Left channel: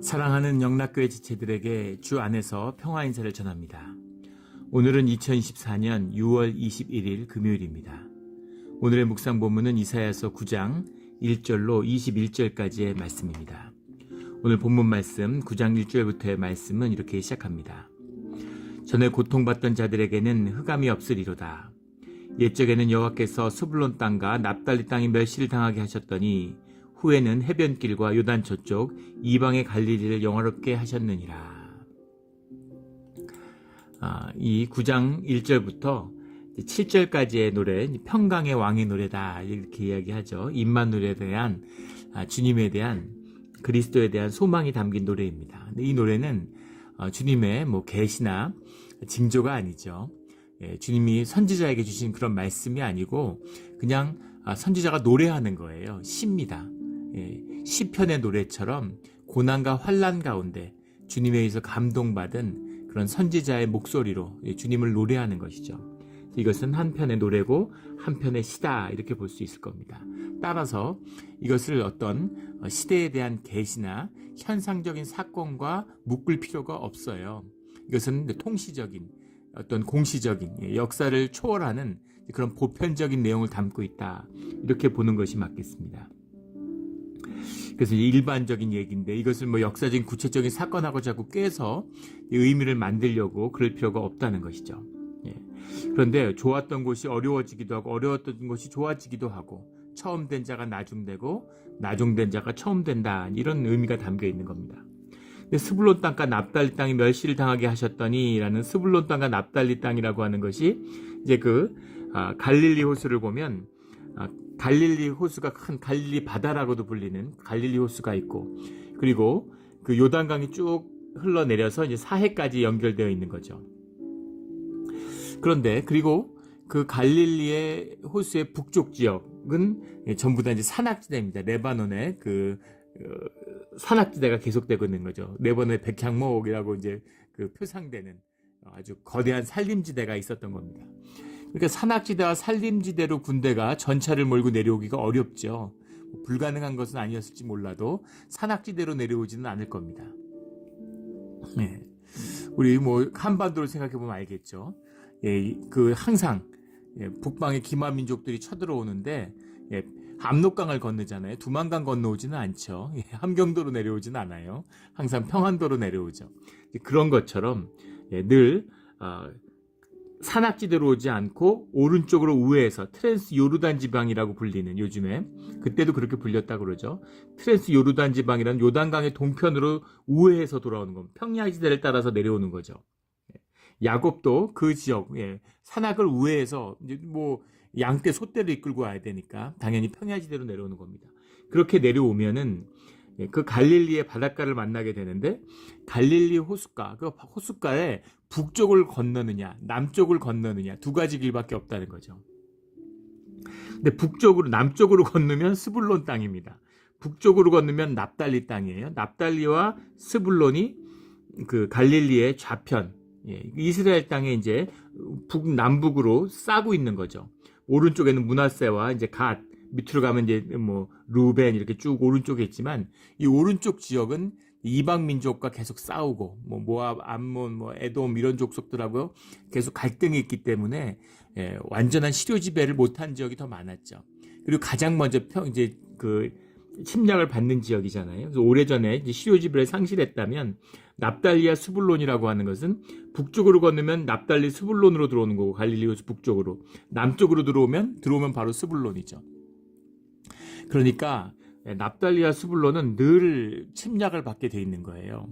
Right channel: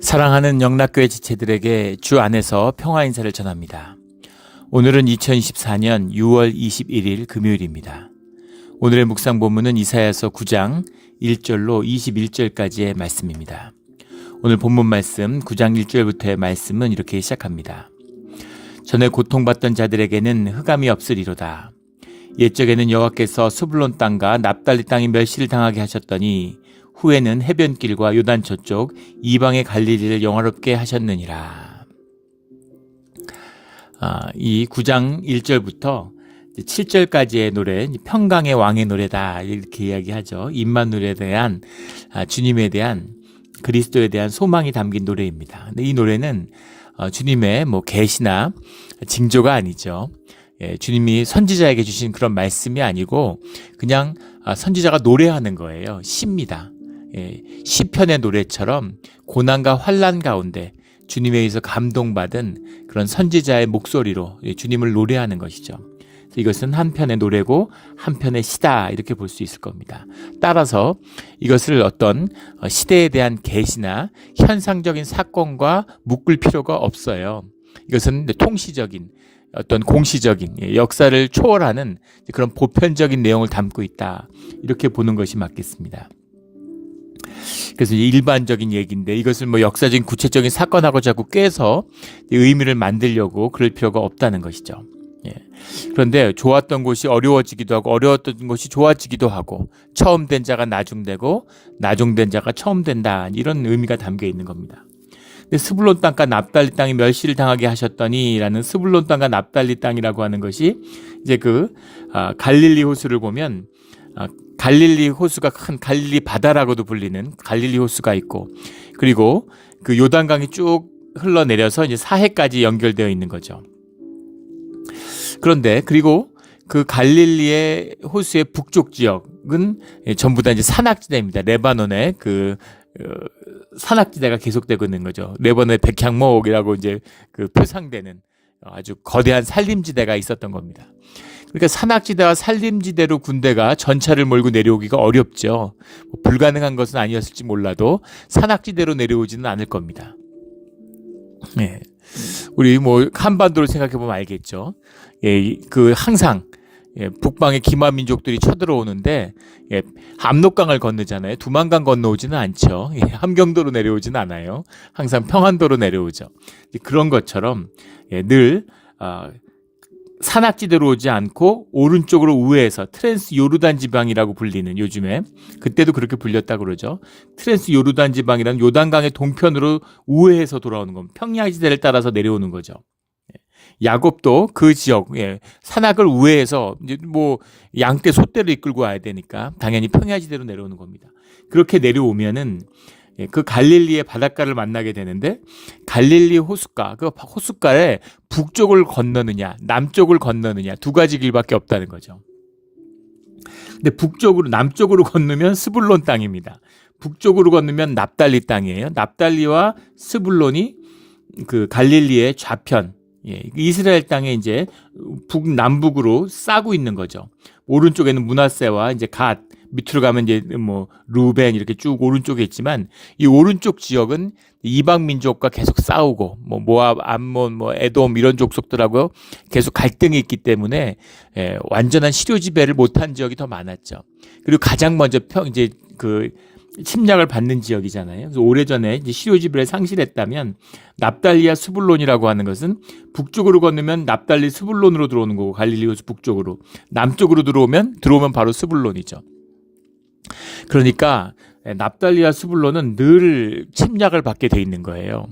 사랑하는 영락교회 지체들에게 주 안에서 평화 인사를 전합니다. 오늘은 2024년 6월 21일 금요일입니다. 오늘의 묵상 본문은 이사야서 9장 1절로 21절까지의 말씀입니다. 오늘 본문 말씀 9장 1절부터의 말씀은 이렇게 시작합니다. 전에 고통받던 자들에게는 흑암이 없으리로다. 옛적에는 여호와께서 스불론 땅과 납달리 땅이 멸시를 당하게 하셨더니 후에는 해변길과 요단 저쪽 이방의 갈릴리를 영화롭게 하셨느니라. 이 9장 1절부터 7절까지의 노래, 평강의 왕의 노래다 이렇게 이야기하죠. 임마누엘에 대한 주님에 대한 그리스도에 대한 소망이 담긴 노래입니다. 근데 이 노래는 주님의 계시나 징조가 아니죠. 주님이 선지자에게 주신 그런 말씀이 아니고 그냥 선지자가 노래하는 거예요. 시입니다. 시편의 노래처럼 고난과 환난 가운데 주님에 의해서 감동받은 그런 선지자의 목소리로 주님을 노래하는 것이죠. 이것은 한편의 노래고 한편의 시다 이렇게 볼 수 있을 겁니다. 따라서 이것을 어떤 시대에 대한 계시나 현상적인 사건과 묶을 필요가 없어요. 이것은 통시적인 어떤 공시적인 역사를 초월하는 그런 보편적인 내용을 담고 있다 이렇게 보는 것이 맞겠습니다. 그래서 일반적인 얘기인데 이것을 역사적인 구체적인 사건하고 자꾸 꿰서 의미를 만들려고 그럴 필요가 없다는 것이죠. 그런데 좋았던 곳이 어려워지기도 하고 어려웠던 곳이 좋아지기도 하고 처음 된 자가 나중되고 나중된 자가 처음 된다 이런 의미가 담겨 있는 겁니다. 근데 스불론 땅과 납달리 땅이 멸시를 당하게 하셨더니라는 스불론 땅과 납달리 땅이라고 하는 것이 이제 갈릴리 호수를 보면 갈릴리 호수가 큰 갈릴리 바다라고도 불리는 갈릴리 호수가 있고 그리고 그 요단강이 쭉 흘러내려서 이제 사해까지 연결되어 있는 거죠. 그런데 그리고 그 갈릴리의 호수의 북쪽 지역은 전부 다 이제 산악지대입니다. 레바논의 산악지대가 계속되고 있는 거죠. 레바논의 백향목이라고 이제 표상되는 아주 거대한 산림지대가 있었던 겁니다. 그러니까 산악지대와 산림지대로 군대가 전차를 몰고 내려오기가 어렵죠. 불가능한 것은 아니었을지 몰라도 산악지대로 내려오지는 않을 겁니다. 우리 한반도를 생각해 보면 알겠죠. 항상 북방의 기마 민족들이 쳐들어오는데 압록강을 건너잖아요. 두만강 건너오지는 않죠. 함경도로 내려오지는 않아요. 항상 평안도로 내려오죠. 그런 것처럼 늘 산악지대로 오지 않고 오른쪽으로 우회해서 트랜스 요르단 지방이라고 불리는 요즘에 그때도 그렇게 불렸다고 그러죠. 트랜스 요르단 지방이라는 요단강의 동편으로 우회해서 돌아오는 겁니다. 평야지대를 따라서 내려오는 거죠. 야곱도 그 지역 산악을 우회해서 이제 양떼 소떼를 이끌고 와야 되니까 당연히 평야지대로 내려오는 겁니다. 그렇게 내려오면은 그 갈릴리의 바닷가를 만나게 되는데 갈릴리 호숫가, 그 호숫가에 북쪽을 건너느냐 남쪽을 건너느냐 두 가지 길밖에 없다는 거죠. 근데 남쪽으로 건너면 스불론 땅입니다. 북쪽으로 건너면 납달리 땅이에요. 납달리와 스불론이 그 갈릴리의 좌편, 이스라엘 땅에 이제 남북으로 싸고 있는 거죠. 오른쪽에는 므낫세와 이제 갓, 밑으로 가면 이제 루벤 이렇게 쭉 오른쪽에 있지만 이 오른쪽 지역은 이방 민족과 계속 싸우고 모압, 암몬, 에돔 이런 족속들하고 계속 갈등이 있기 때문에 완전한 시료 지배를 못한 지역이 더 많았죠. 그리고 가장 먼저 이제 침략을 받는 지역이잖아요. 그래서 오래전에 이제 시료 지배를 상실했다면 납달리와 스불론이라고 하는 것은 북쪽으로 건너면 납달리 스불론으로 들어오는 거고 갈릴리 호수 북쪽으로 남쪽으로 들어오면 바로 스불론이죠. 그러니까 납달리와 스불론은 늘 침략을 받게 돼 있는 거예요.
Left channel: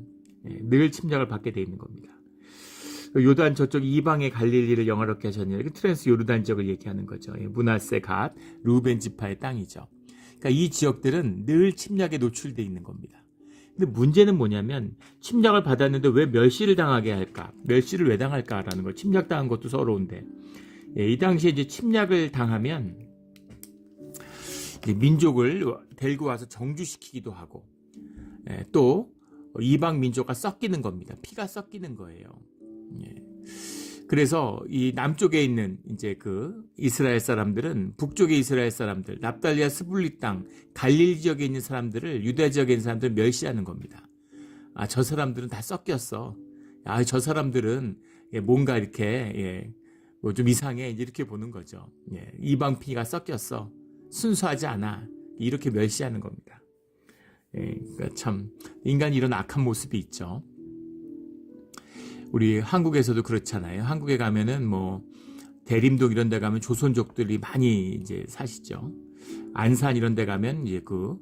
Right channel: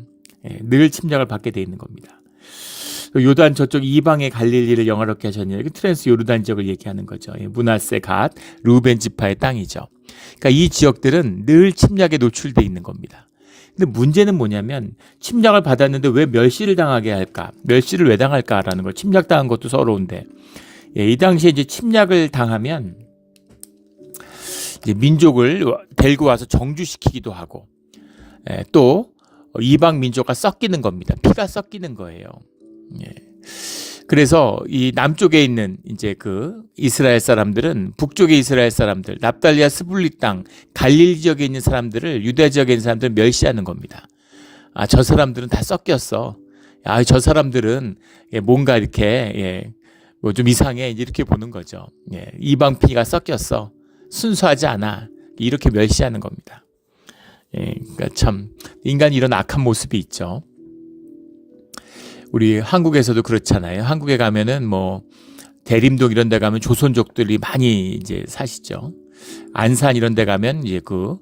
늘 침략을 받게 돼 있는 겁니다. 요단 저쪽 이방의 갈릴리를 영화롭게 하셨느냐. 트랜스 요르단 지역을 얘기하는 거죠. 므낫세 갓, 루벤 지파의 땅이죠. 그러니까 이 지역들은 늘 침략에 노출돼 있는 겁니다. 근데 문제는 뭐냐면 침략을 받았는데 왜 멸시를 당하게 할까? 멸시를 왜 당할까라는 거. 침략당한 것도 서러운데 이 당시에 이제 침략을 당하면 이제 민족을 데리고 와서 정주시키기도 하고 또 이방 민족과 섞이는 겁니다. 피가 섞이는 거예요. 그래서 이 남쪽에 있는 이제 이스라엘 사람들은 북쪽의 이스라엘 사람들, 납달리아 스불리 땅, 갈릴리 지역에 있는 사람들을 유대 지역에 있는 사람들을 멸시하는 겁니다. 저 사람들은 다 섞였어. 저 사람들은 뭔가 이렇게 뭐 좀 이상해 이렇게 보는 거죠. 이방 피가 섞였어. 순수하지 않아. 이렇게 멸시하는 겁니다. 그러니까 참 인간이 이런 악한 모습이 있죠. 우리 한국에서도 그렇잖아요. 한국에 가면은 뭐 대림동 이런 데 가면 조선족들이 많이 이제 사시죠. 안산 이런 데 가면 이제 그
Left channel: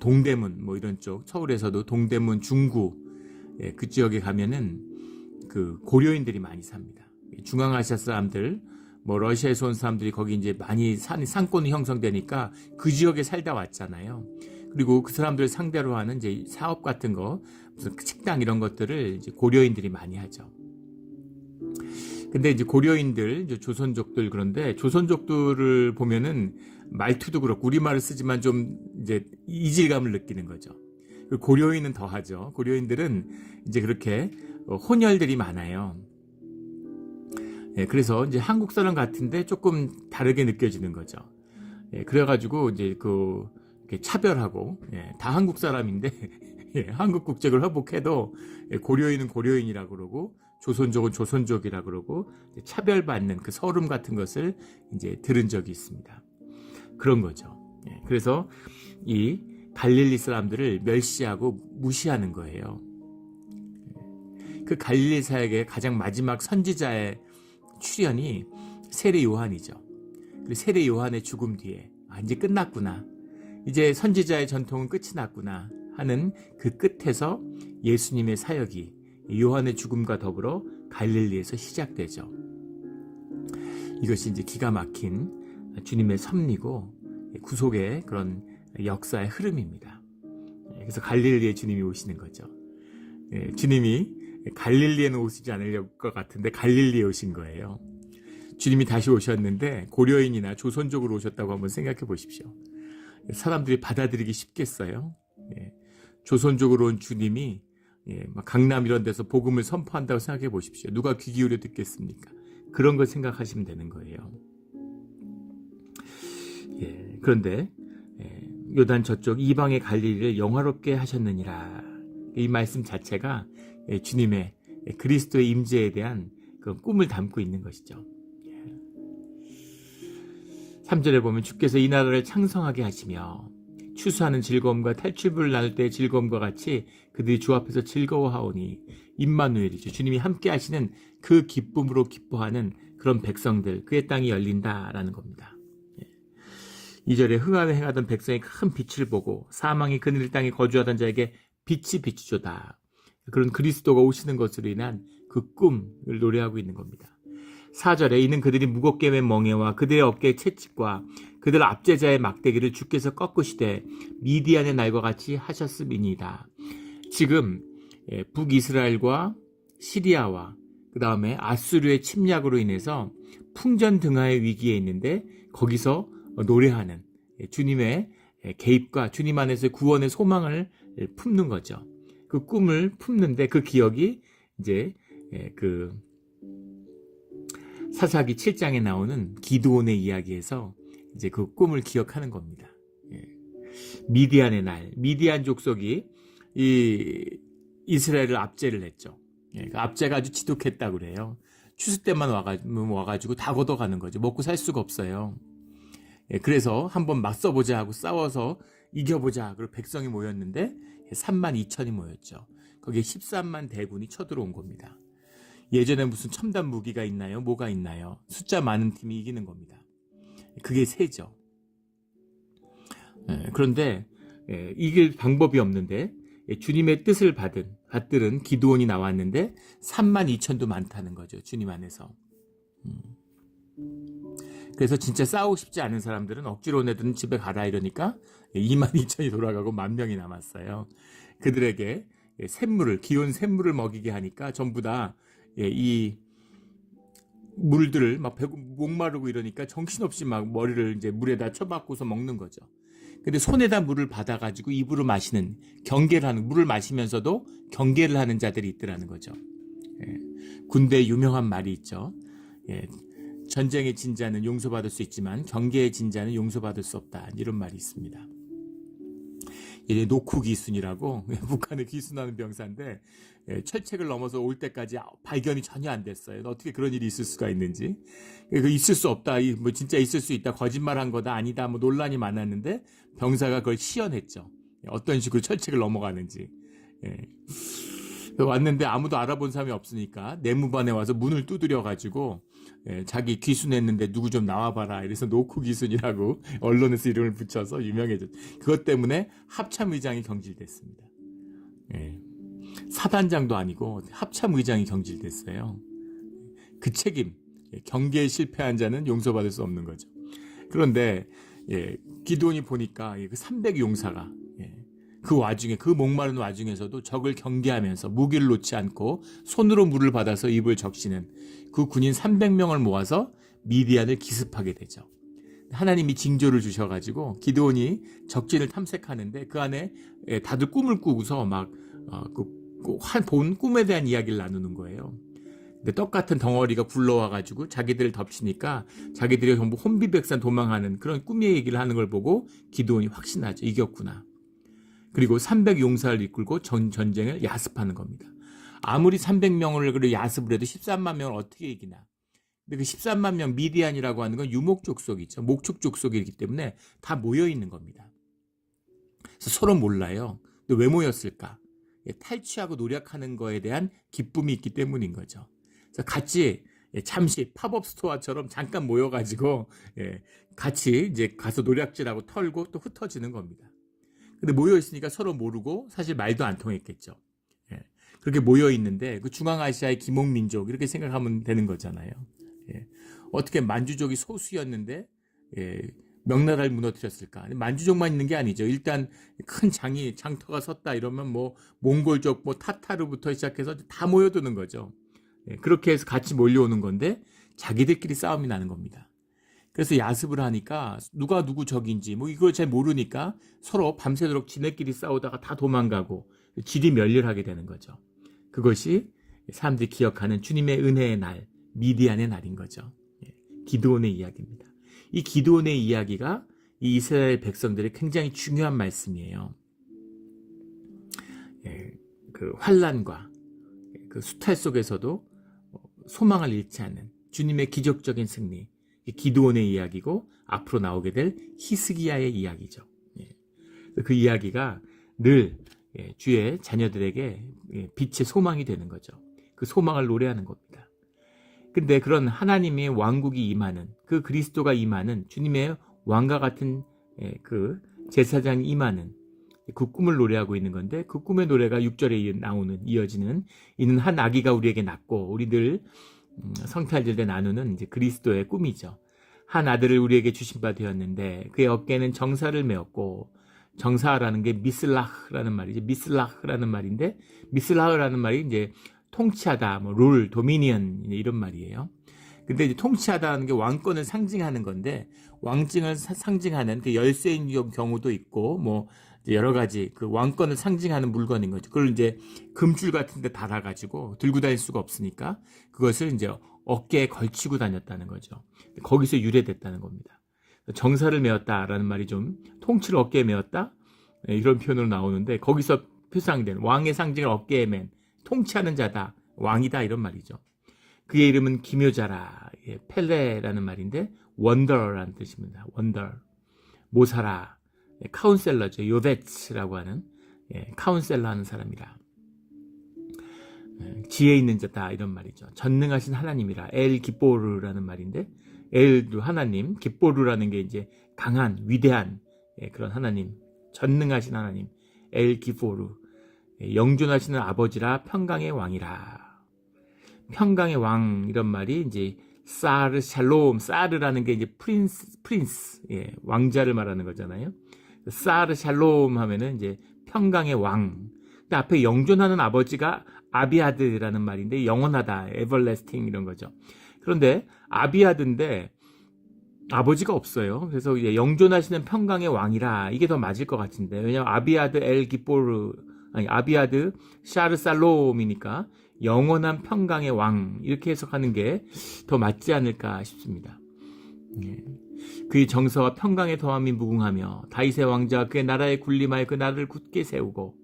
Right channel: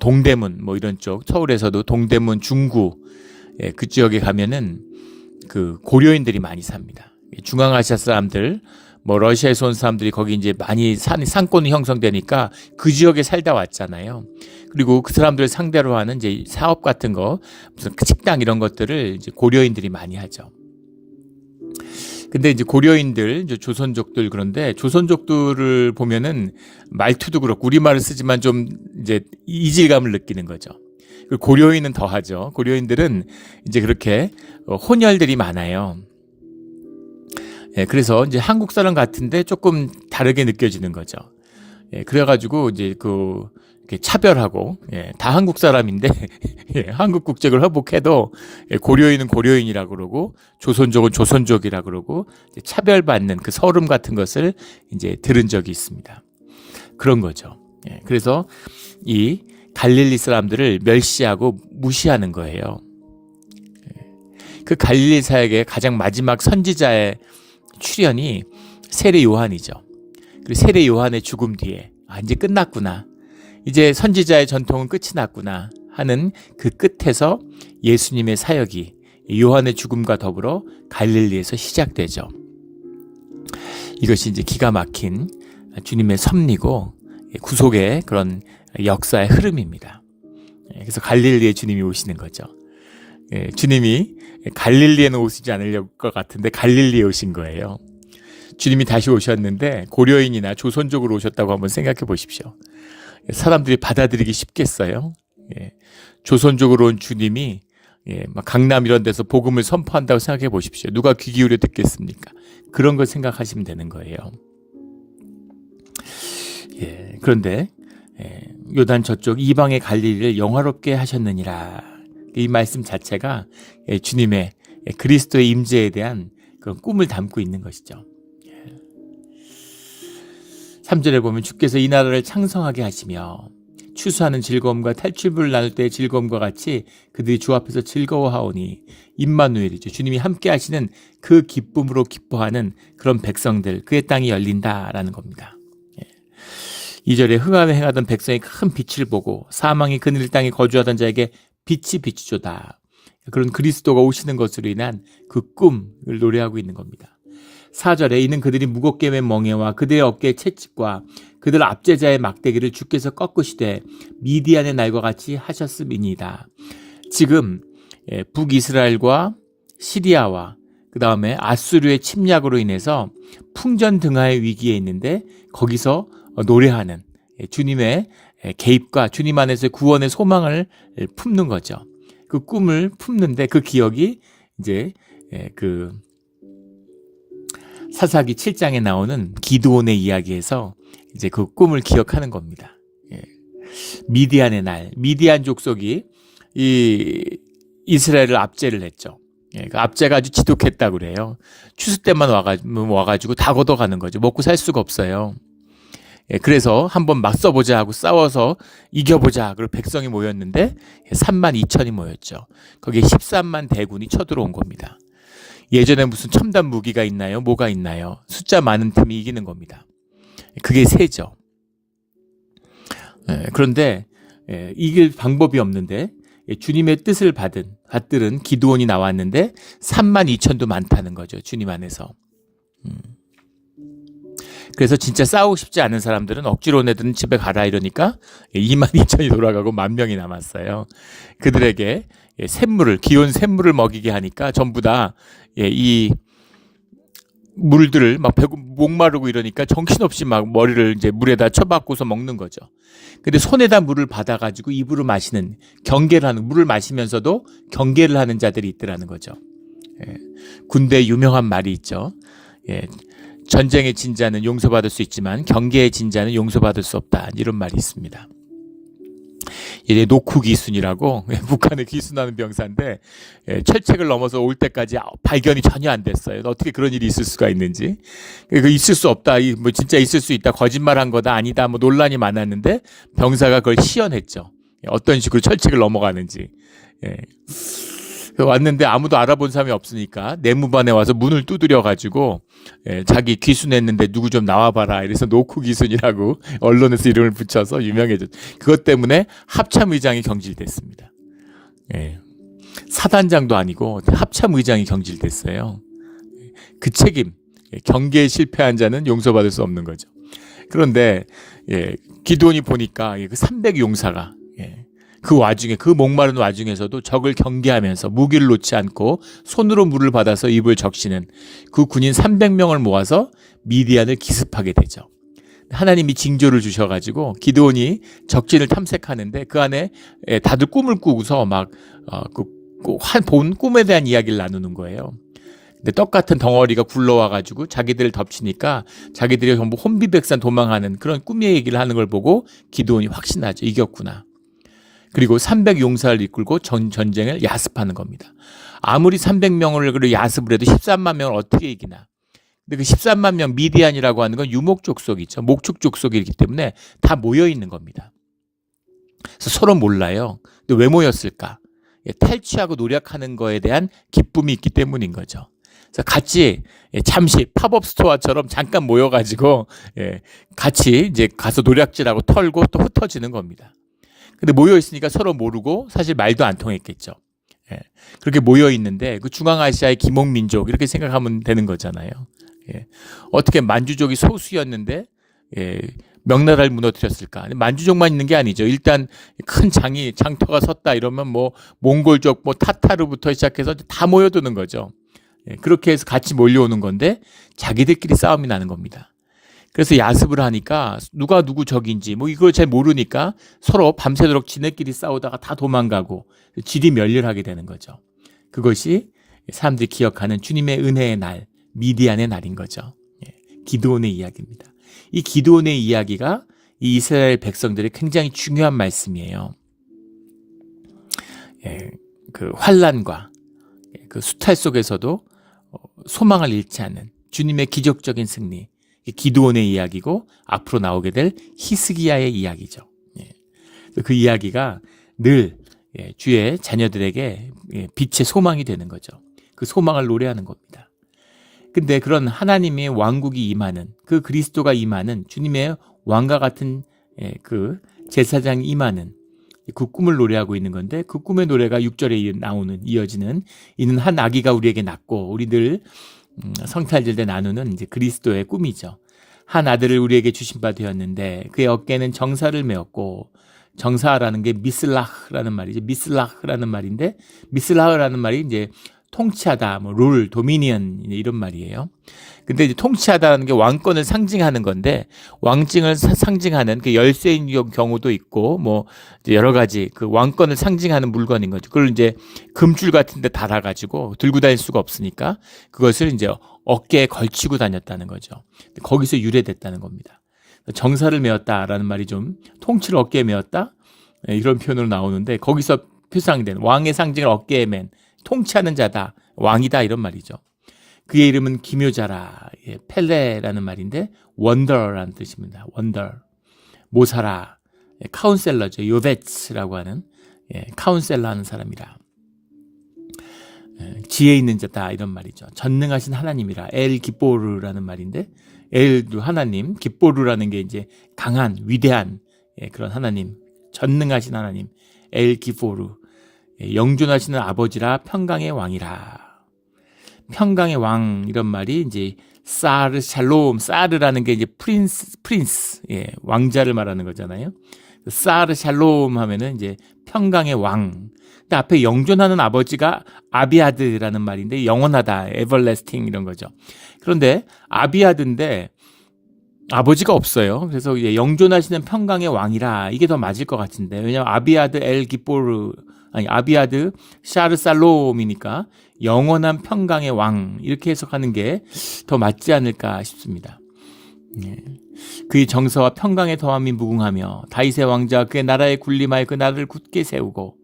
동대문 뭐 이런 쪽, 서울에서도 동대문 중구 그 지역에 가면은 그 고려인들이 많이 삽니다. 중앙아시아 사람들, 뭐 러시아에서 온 사람들이 거기 이제 많이 상권이 형성되니까 그 지역에 살다 왔잖아요. 그리고 그 사람들을 상대로 하는 이제 사업 같은 거, 무슨 식당 이런 것들을 이제 고려인들이 많이 하죠. 근데 이제 고려인들, 이제 조선족들, 그런데 조선족들을 보면은 말투도 그렇고 우리말을 쓰지만 좀 이제 이질감을 느끼는 거죠. 고려인은 더 하죠. 고려인들은 이제 그렇게 혼혈들이 많아요. 그래서 이제 한국 사람 같은데 조금 다르게 느껴지는 거죠. 그래가지고 이제 이렇게 차별하고, 다 한국 사람인데 한국 국적을 회복해도 고려인은 고려인이라고 그러고 조선족은 조선족이라고 그러고 차별받는 그 서름 같은 것을 이제 들은 적이 있습니다. 그런 거죠. 그래서 이 갈릴리 사람들을 멸시하고 무시하는 거예요. 그 갈릴리 사역의 가장 마지막 선지자의 출현이 세례 요한이죠. 그리고 세례 요한의 죽음 뒤에 이제 끝났구나. 이제 선지자의 전통은 끝이 났구나 하는 그 끝에서 예수님의 사역이 요한의 죽음과 더불어 갈릴리에서 시작되죠. 이것이 이제 기가 막힌 주님의 섭리고 구속의 그런 역사의 흐름입니다. 그래서 갈릴리에 주님이 오시는 거죠. 주님이 갈릴리에는 오시지 않을 것 같은데 갈릴리에 오신 거예요. 주님이 다시 오셨는데 고려인이나 조선족으로 오셨다고 한번 생각해 보십시오. 사람들이 받아들이기 쉽겠어요? 조선족으로 온 주님이 막 강남 이런 데서 복음을 선포한다고 생각해 보십시오. 누가 귀 기울여 듣겠습니까? 그런 걸 생각하시면 되는 거예요. 그런데 요단 저쪽 이방의 갈릴리를 영화롭게 하셨느니라. 이 말씀 자체가 주님의 그리스도의 임재에 대한 그런 꿈을 담고 있는 것이죠. 3절에 보면 주께서 이 나라를 창성하게 하시며 추수하는 즐거움과 탈출부를 나눌 때의 즐거움과 같이 그들이 주 앞에서 즐거워하오니 임마누엘이죠. 주님이 함께 하시는 그 기쁨으로 기뻐하는 그런 백성들, 그의 땅이 열린다라는 겁니다. 2절에 흑암에 행하던 백성이 큰 빛을 보고 사망이 그늘 땅에 거주하던 자에게 빛이 비추조다. 그런 그리스도가 오시는 것으로 인한 그 꿈을 노래하고 있는 겁니다. 4절에 이는 그들이 무겁게 맨 멍에와 그들의 어깨에 채찍과 그들 압제자의 막대기를 주께서 꺾으시되 미디안의 날과 같이 하셨음이니이다. 지금 북이스라엘과 시리아와 그 다음에 아수르의 침략으로 인해서 풍전등화의 위기에 있는데 거기서 노래하는 주님의 개입과 주님 안에서 구원의 소망을 품는 거죠. 그 꿈을 품는데 그 기억이 이제 그 사사기 7장에 나오는 기드온의 이야기에서 이제 그 꿈을 기억하는 겁니다. 미디안의 날, 미디안 족속이 이 이스라엘을 압제를 했죠. 그 압제가 아주 지독했다고 그래요. 추수 때만 와가지고 다 걷어가는 거죠. 먹고 살 수가 없어요. 그래서 한번 맞서보자 하고 싸워서 이겨보자. 그리고 백성이 모였는데 3만 2천이 모였죠. 거기에 13만 대군이 쳐들어온 겁니다. 예전에 무슨 첨단 무기가 있나요? 뭐가 있나요? 숫자 많은 팀이 이기는 겁니다. 그게 세죠. 그런데 이길 방법이 없는데 주님의 뜻을 받들은 기드온이 나왔는데 3만 2천도 많다는 거죠. 주님 안에서. 그래서 진짜 싸우고 싶지 않은 사람들은 억지로 내든 집에 가라 이러니까 2만 2천이 돌아가고 1,000명이 남았어요. 그들에게 기온 샘물을 먹이게 하니까 전부 다 이 물들을 막 목마르고 이러니까 정신없이 막 머리를 이제 물에다 쳐박고서 먹는 거죠. 근데 손에다 물을 받아가지고 입으로 마시는 경계를 하는 물을 마시면서도 경계를 하는 자들이 있더라는 거죠. 군대에 유명한 말이 있죠. 전쟁의 진자는 용서받을 수 있지만 경계의 진자는 용서받을 수 없다. 이런 말이 있습니다. 이제 노쿠 기순이라고 북한에 기순하는 병사인데 철책을 넘어서 올 때까지 발견이 전혀 안 됐어요. 어떻게 그런 일이 있을 수가 있는지. 그 있을 수 없다. 뭐 진짜 있을 수 있다. 거짓말한 거다. 아니다. 뭐 논란이 많았는데 병사가 그걸 시연했죠. 어떤 식으로 철책을 넘어가는지. 왔는데 아무도 알아본 사람이 없으니까 내무반에 와서 문을 두드려 가지고 자기 귀순했는데 누구 좀 나와봐라. 이래서 노쿠 귀순이라고 언론에서 이름을 붙여서 유명해졌죠. 그것 때문에 합참의장이 경질됐습니다. 사단장도 아니고 합참의장이 경질됐어요. 그 책임, 경계에 실패한 자는 용서받을 수 없는 거죠. 그런데 기드온이 보니까 그 300용사가 그 와중에, 그 목마른 와중에서도 적을 경계하면서 무기를 놓지 않고 손으로 물을 받아서 입을 적시는 그 군인 300명을 모아서 미디안을 기습하게 되죠. 하나님이 징조를 주셔가지고 기드온이 적진을 탐색하는데 그 안에 다들 꿈을 꾸고서 막 본 꿈에 대한 이야기를 나누는 거예요. 근데 떡같은 덩어리가 굴러와가지고 자기들을 덮치니까 자기들이 전부 혼비백산 도망하는 그런 꿈의 얘기를 하는 걸 보고 기드온이 확신하죠. 이겼구나. 그리고 300용사를 이끌고 전쟁을 야습하는 겁니다. 아무리 300명을 야습을 해도 13만 명을 어떻게 이기나. 근데 그 13만 명 미디안이라고 하는 건 유목 족속이죠. 목축 족속이기 때문에 다 모여 있는 겁니다. 그래서 서로 몰라요. 근데 왜 모였을까? 탈취하고 노력하는 거에 대한 기쁨이 있기 때문인 거죠. 그래서 같이 잠시 팝업 스토어처럼 잠깐 모여가지고 같이 이제 가서 노략질하고 털고 또 흩어지는 겁니다. 근데 모여 있으니까 서로 모르고 사실 말도 안 통했겠죠. 그렇게 모여 있는데 그 중앙아시아의 기목민족 이렇게 생각하면 되는 거잖아요. 어떻게 만주족이 소수였는데 명나라를 무너뜨렸을까? 만주족만 있는 게 아니죠. 일단 큰 장터가 섰다 이러면 뭐 몽골족, 뭐 타타르부터 시작해서 다 모여드는 거죠. 그렇게 해서 같이 몰려오는 건데 자기들끼리 싸움이 나는 겁니다. 그래서 야습을 하니까 누가 누구 적인지 뭐 이걸 잘 모르니까 서로 밤새도록 지네끼리 싸우다가 다 도망가고 질이 멸렬하게 되는 거죠. 그것이 사람들이 기억하는 주님의 은혜의 날, 미디안의 날인 거죠. 기드온의 이야기입니다. 이 기드온의 이야기가 이 이스라엘 백성들의 굉장히 중요한 말씀이에요. 그 환난과 그 수탈 속에서도 소망을 잃지 않는 주님의 기적적인 승리, 기드온의 이야기고 앞으로 나오게 될 히스기야의 이야기죠. 그 이야기가 늘 주의 자녀들에게 빛의 소망이 되는 거죠. 그 소망을 노래하는 겁니다. 근데 그런 하나님의 왕국이 임하는 그 그리스도가 임하는 주님의 왕과 같은 그 제사장이 임하는 그 꿈을 노래하고 있는 건데 그 꿈의 노래가 6절에 이어지는 이는 한 아기가 우리에게 낳고 우리들 성탈절 때 나누는 이제 그리스도의 꿈이죠. 한 아들을 우리에게 주신 바 되었는데 그의 어깨는 정사를 메었고 정사라는 게 미슬라흐라는 말이죠. 미슬라흐라는 말인데 미슬라흐라는 말이 이제 통치하다, 뭐 룰, 도미니언 이런 말이에요. 근데 이제 통치하다는 게 왕권을 상징하는 건데 왕증을 상징하는 그 열쇠인 경우도 있고 뭐 이제 여러 가지 그 왕권을 상징하는 물건인 거죠. 그걸 이제 금줄 같은 데 달아가지고 들고 다닐 수가 없으니까 그것을 이제 어깨에 걸치고 다녔다는 거죠. 거기서 유래됐다는 겁니다. 정사를 메었다라는 말이 좀 통치를 어깨에 메었다 이런 표현으로 나오는데 거기서 표상된 왕의 상징을 어깨에 맨 통치하는 자다, 왕이다 이런 말이죠. 그의 이름은 기묘자라, 펠레라는 말인데 원더라는 뜻입니다. 원더, 모사라, 카운셀러죠. 요베츠라고 하는 카운셀러 하는 사람이라. 지혜 있는 자다 이런 말이죠. 전능하신 하나님이라 엘 기뽀르라는 말인데 엘도 하나님, 기뽀르라는 게 이제 강한 위대한 그런 하나님, 전능하신 하나님 엘 기포르, 영존하시는 아버지라 평강의 왕이라. 평강의 왕 이런 말이 이제 사르 샬롬, 사르라는 게 이제 프린스, 왕자를 말하는 거잖아요. 사르 샬롬 하면은 이제 평강의 왕. 근데 앞에 영존하는 아버지가 아비아드라는 말인데 영원하다, 에버래스팅 이런 거죠. 그런데 아비아드인데 아버지가 없어요. 그래서 이제 영존하시는 평강의 왕이라 이게 더 맞을 것 같은데 왜냐하면 아비아드 엘 기포르 아비아드 샤르 살롬이니까 영원한 평강의 왕 이렇게 해석하는 게 더 맞지 않을까 싶습니다. 예. 그의 정서와 평강의 더함이 무궁하며 다윗의 왕자 그의 나라에 군림하여 그 나라를 굳게 세우고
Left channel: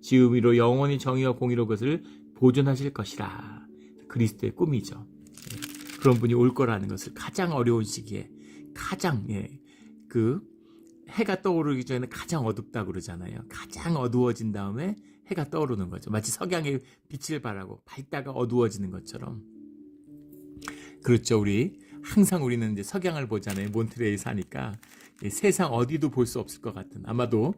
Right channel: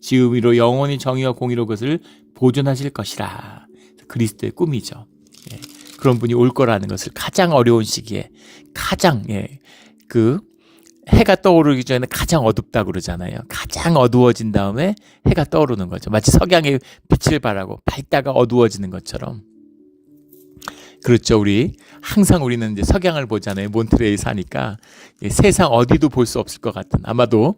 지음 위로 영원히 정의와 공의로 그것을 보존하실 것이라. 그리스도의 꿈이죠. 예. 그런 분이 올 거라는 것을 가장 어려운 시기에 가장 그 해가 떠오르기 전에 가장 어둡다 그러잖아요. 가장 어두워진 다음에 해가 떠오르는 거죠. 마치 석양의 빛을 발하고 밝다가 어두워지는 것처럼. 그렇죠. 우리는 이제 석양을 보잖아요. 몬트레일 사니까 세상 어디도 볼 수 없을 것 같은, 아마도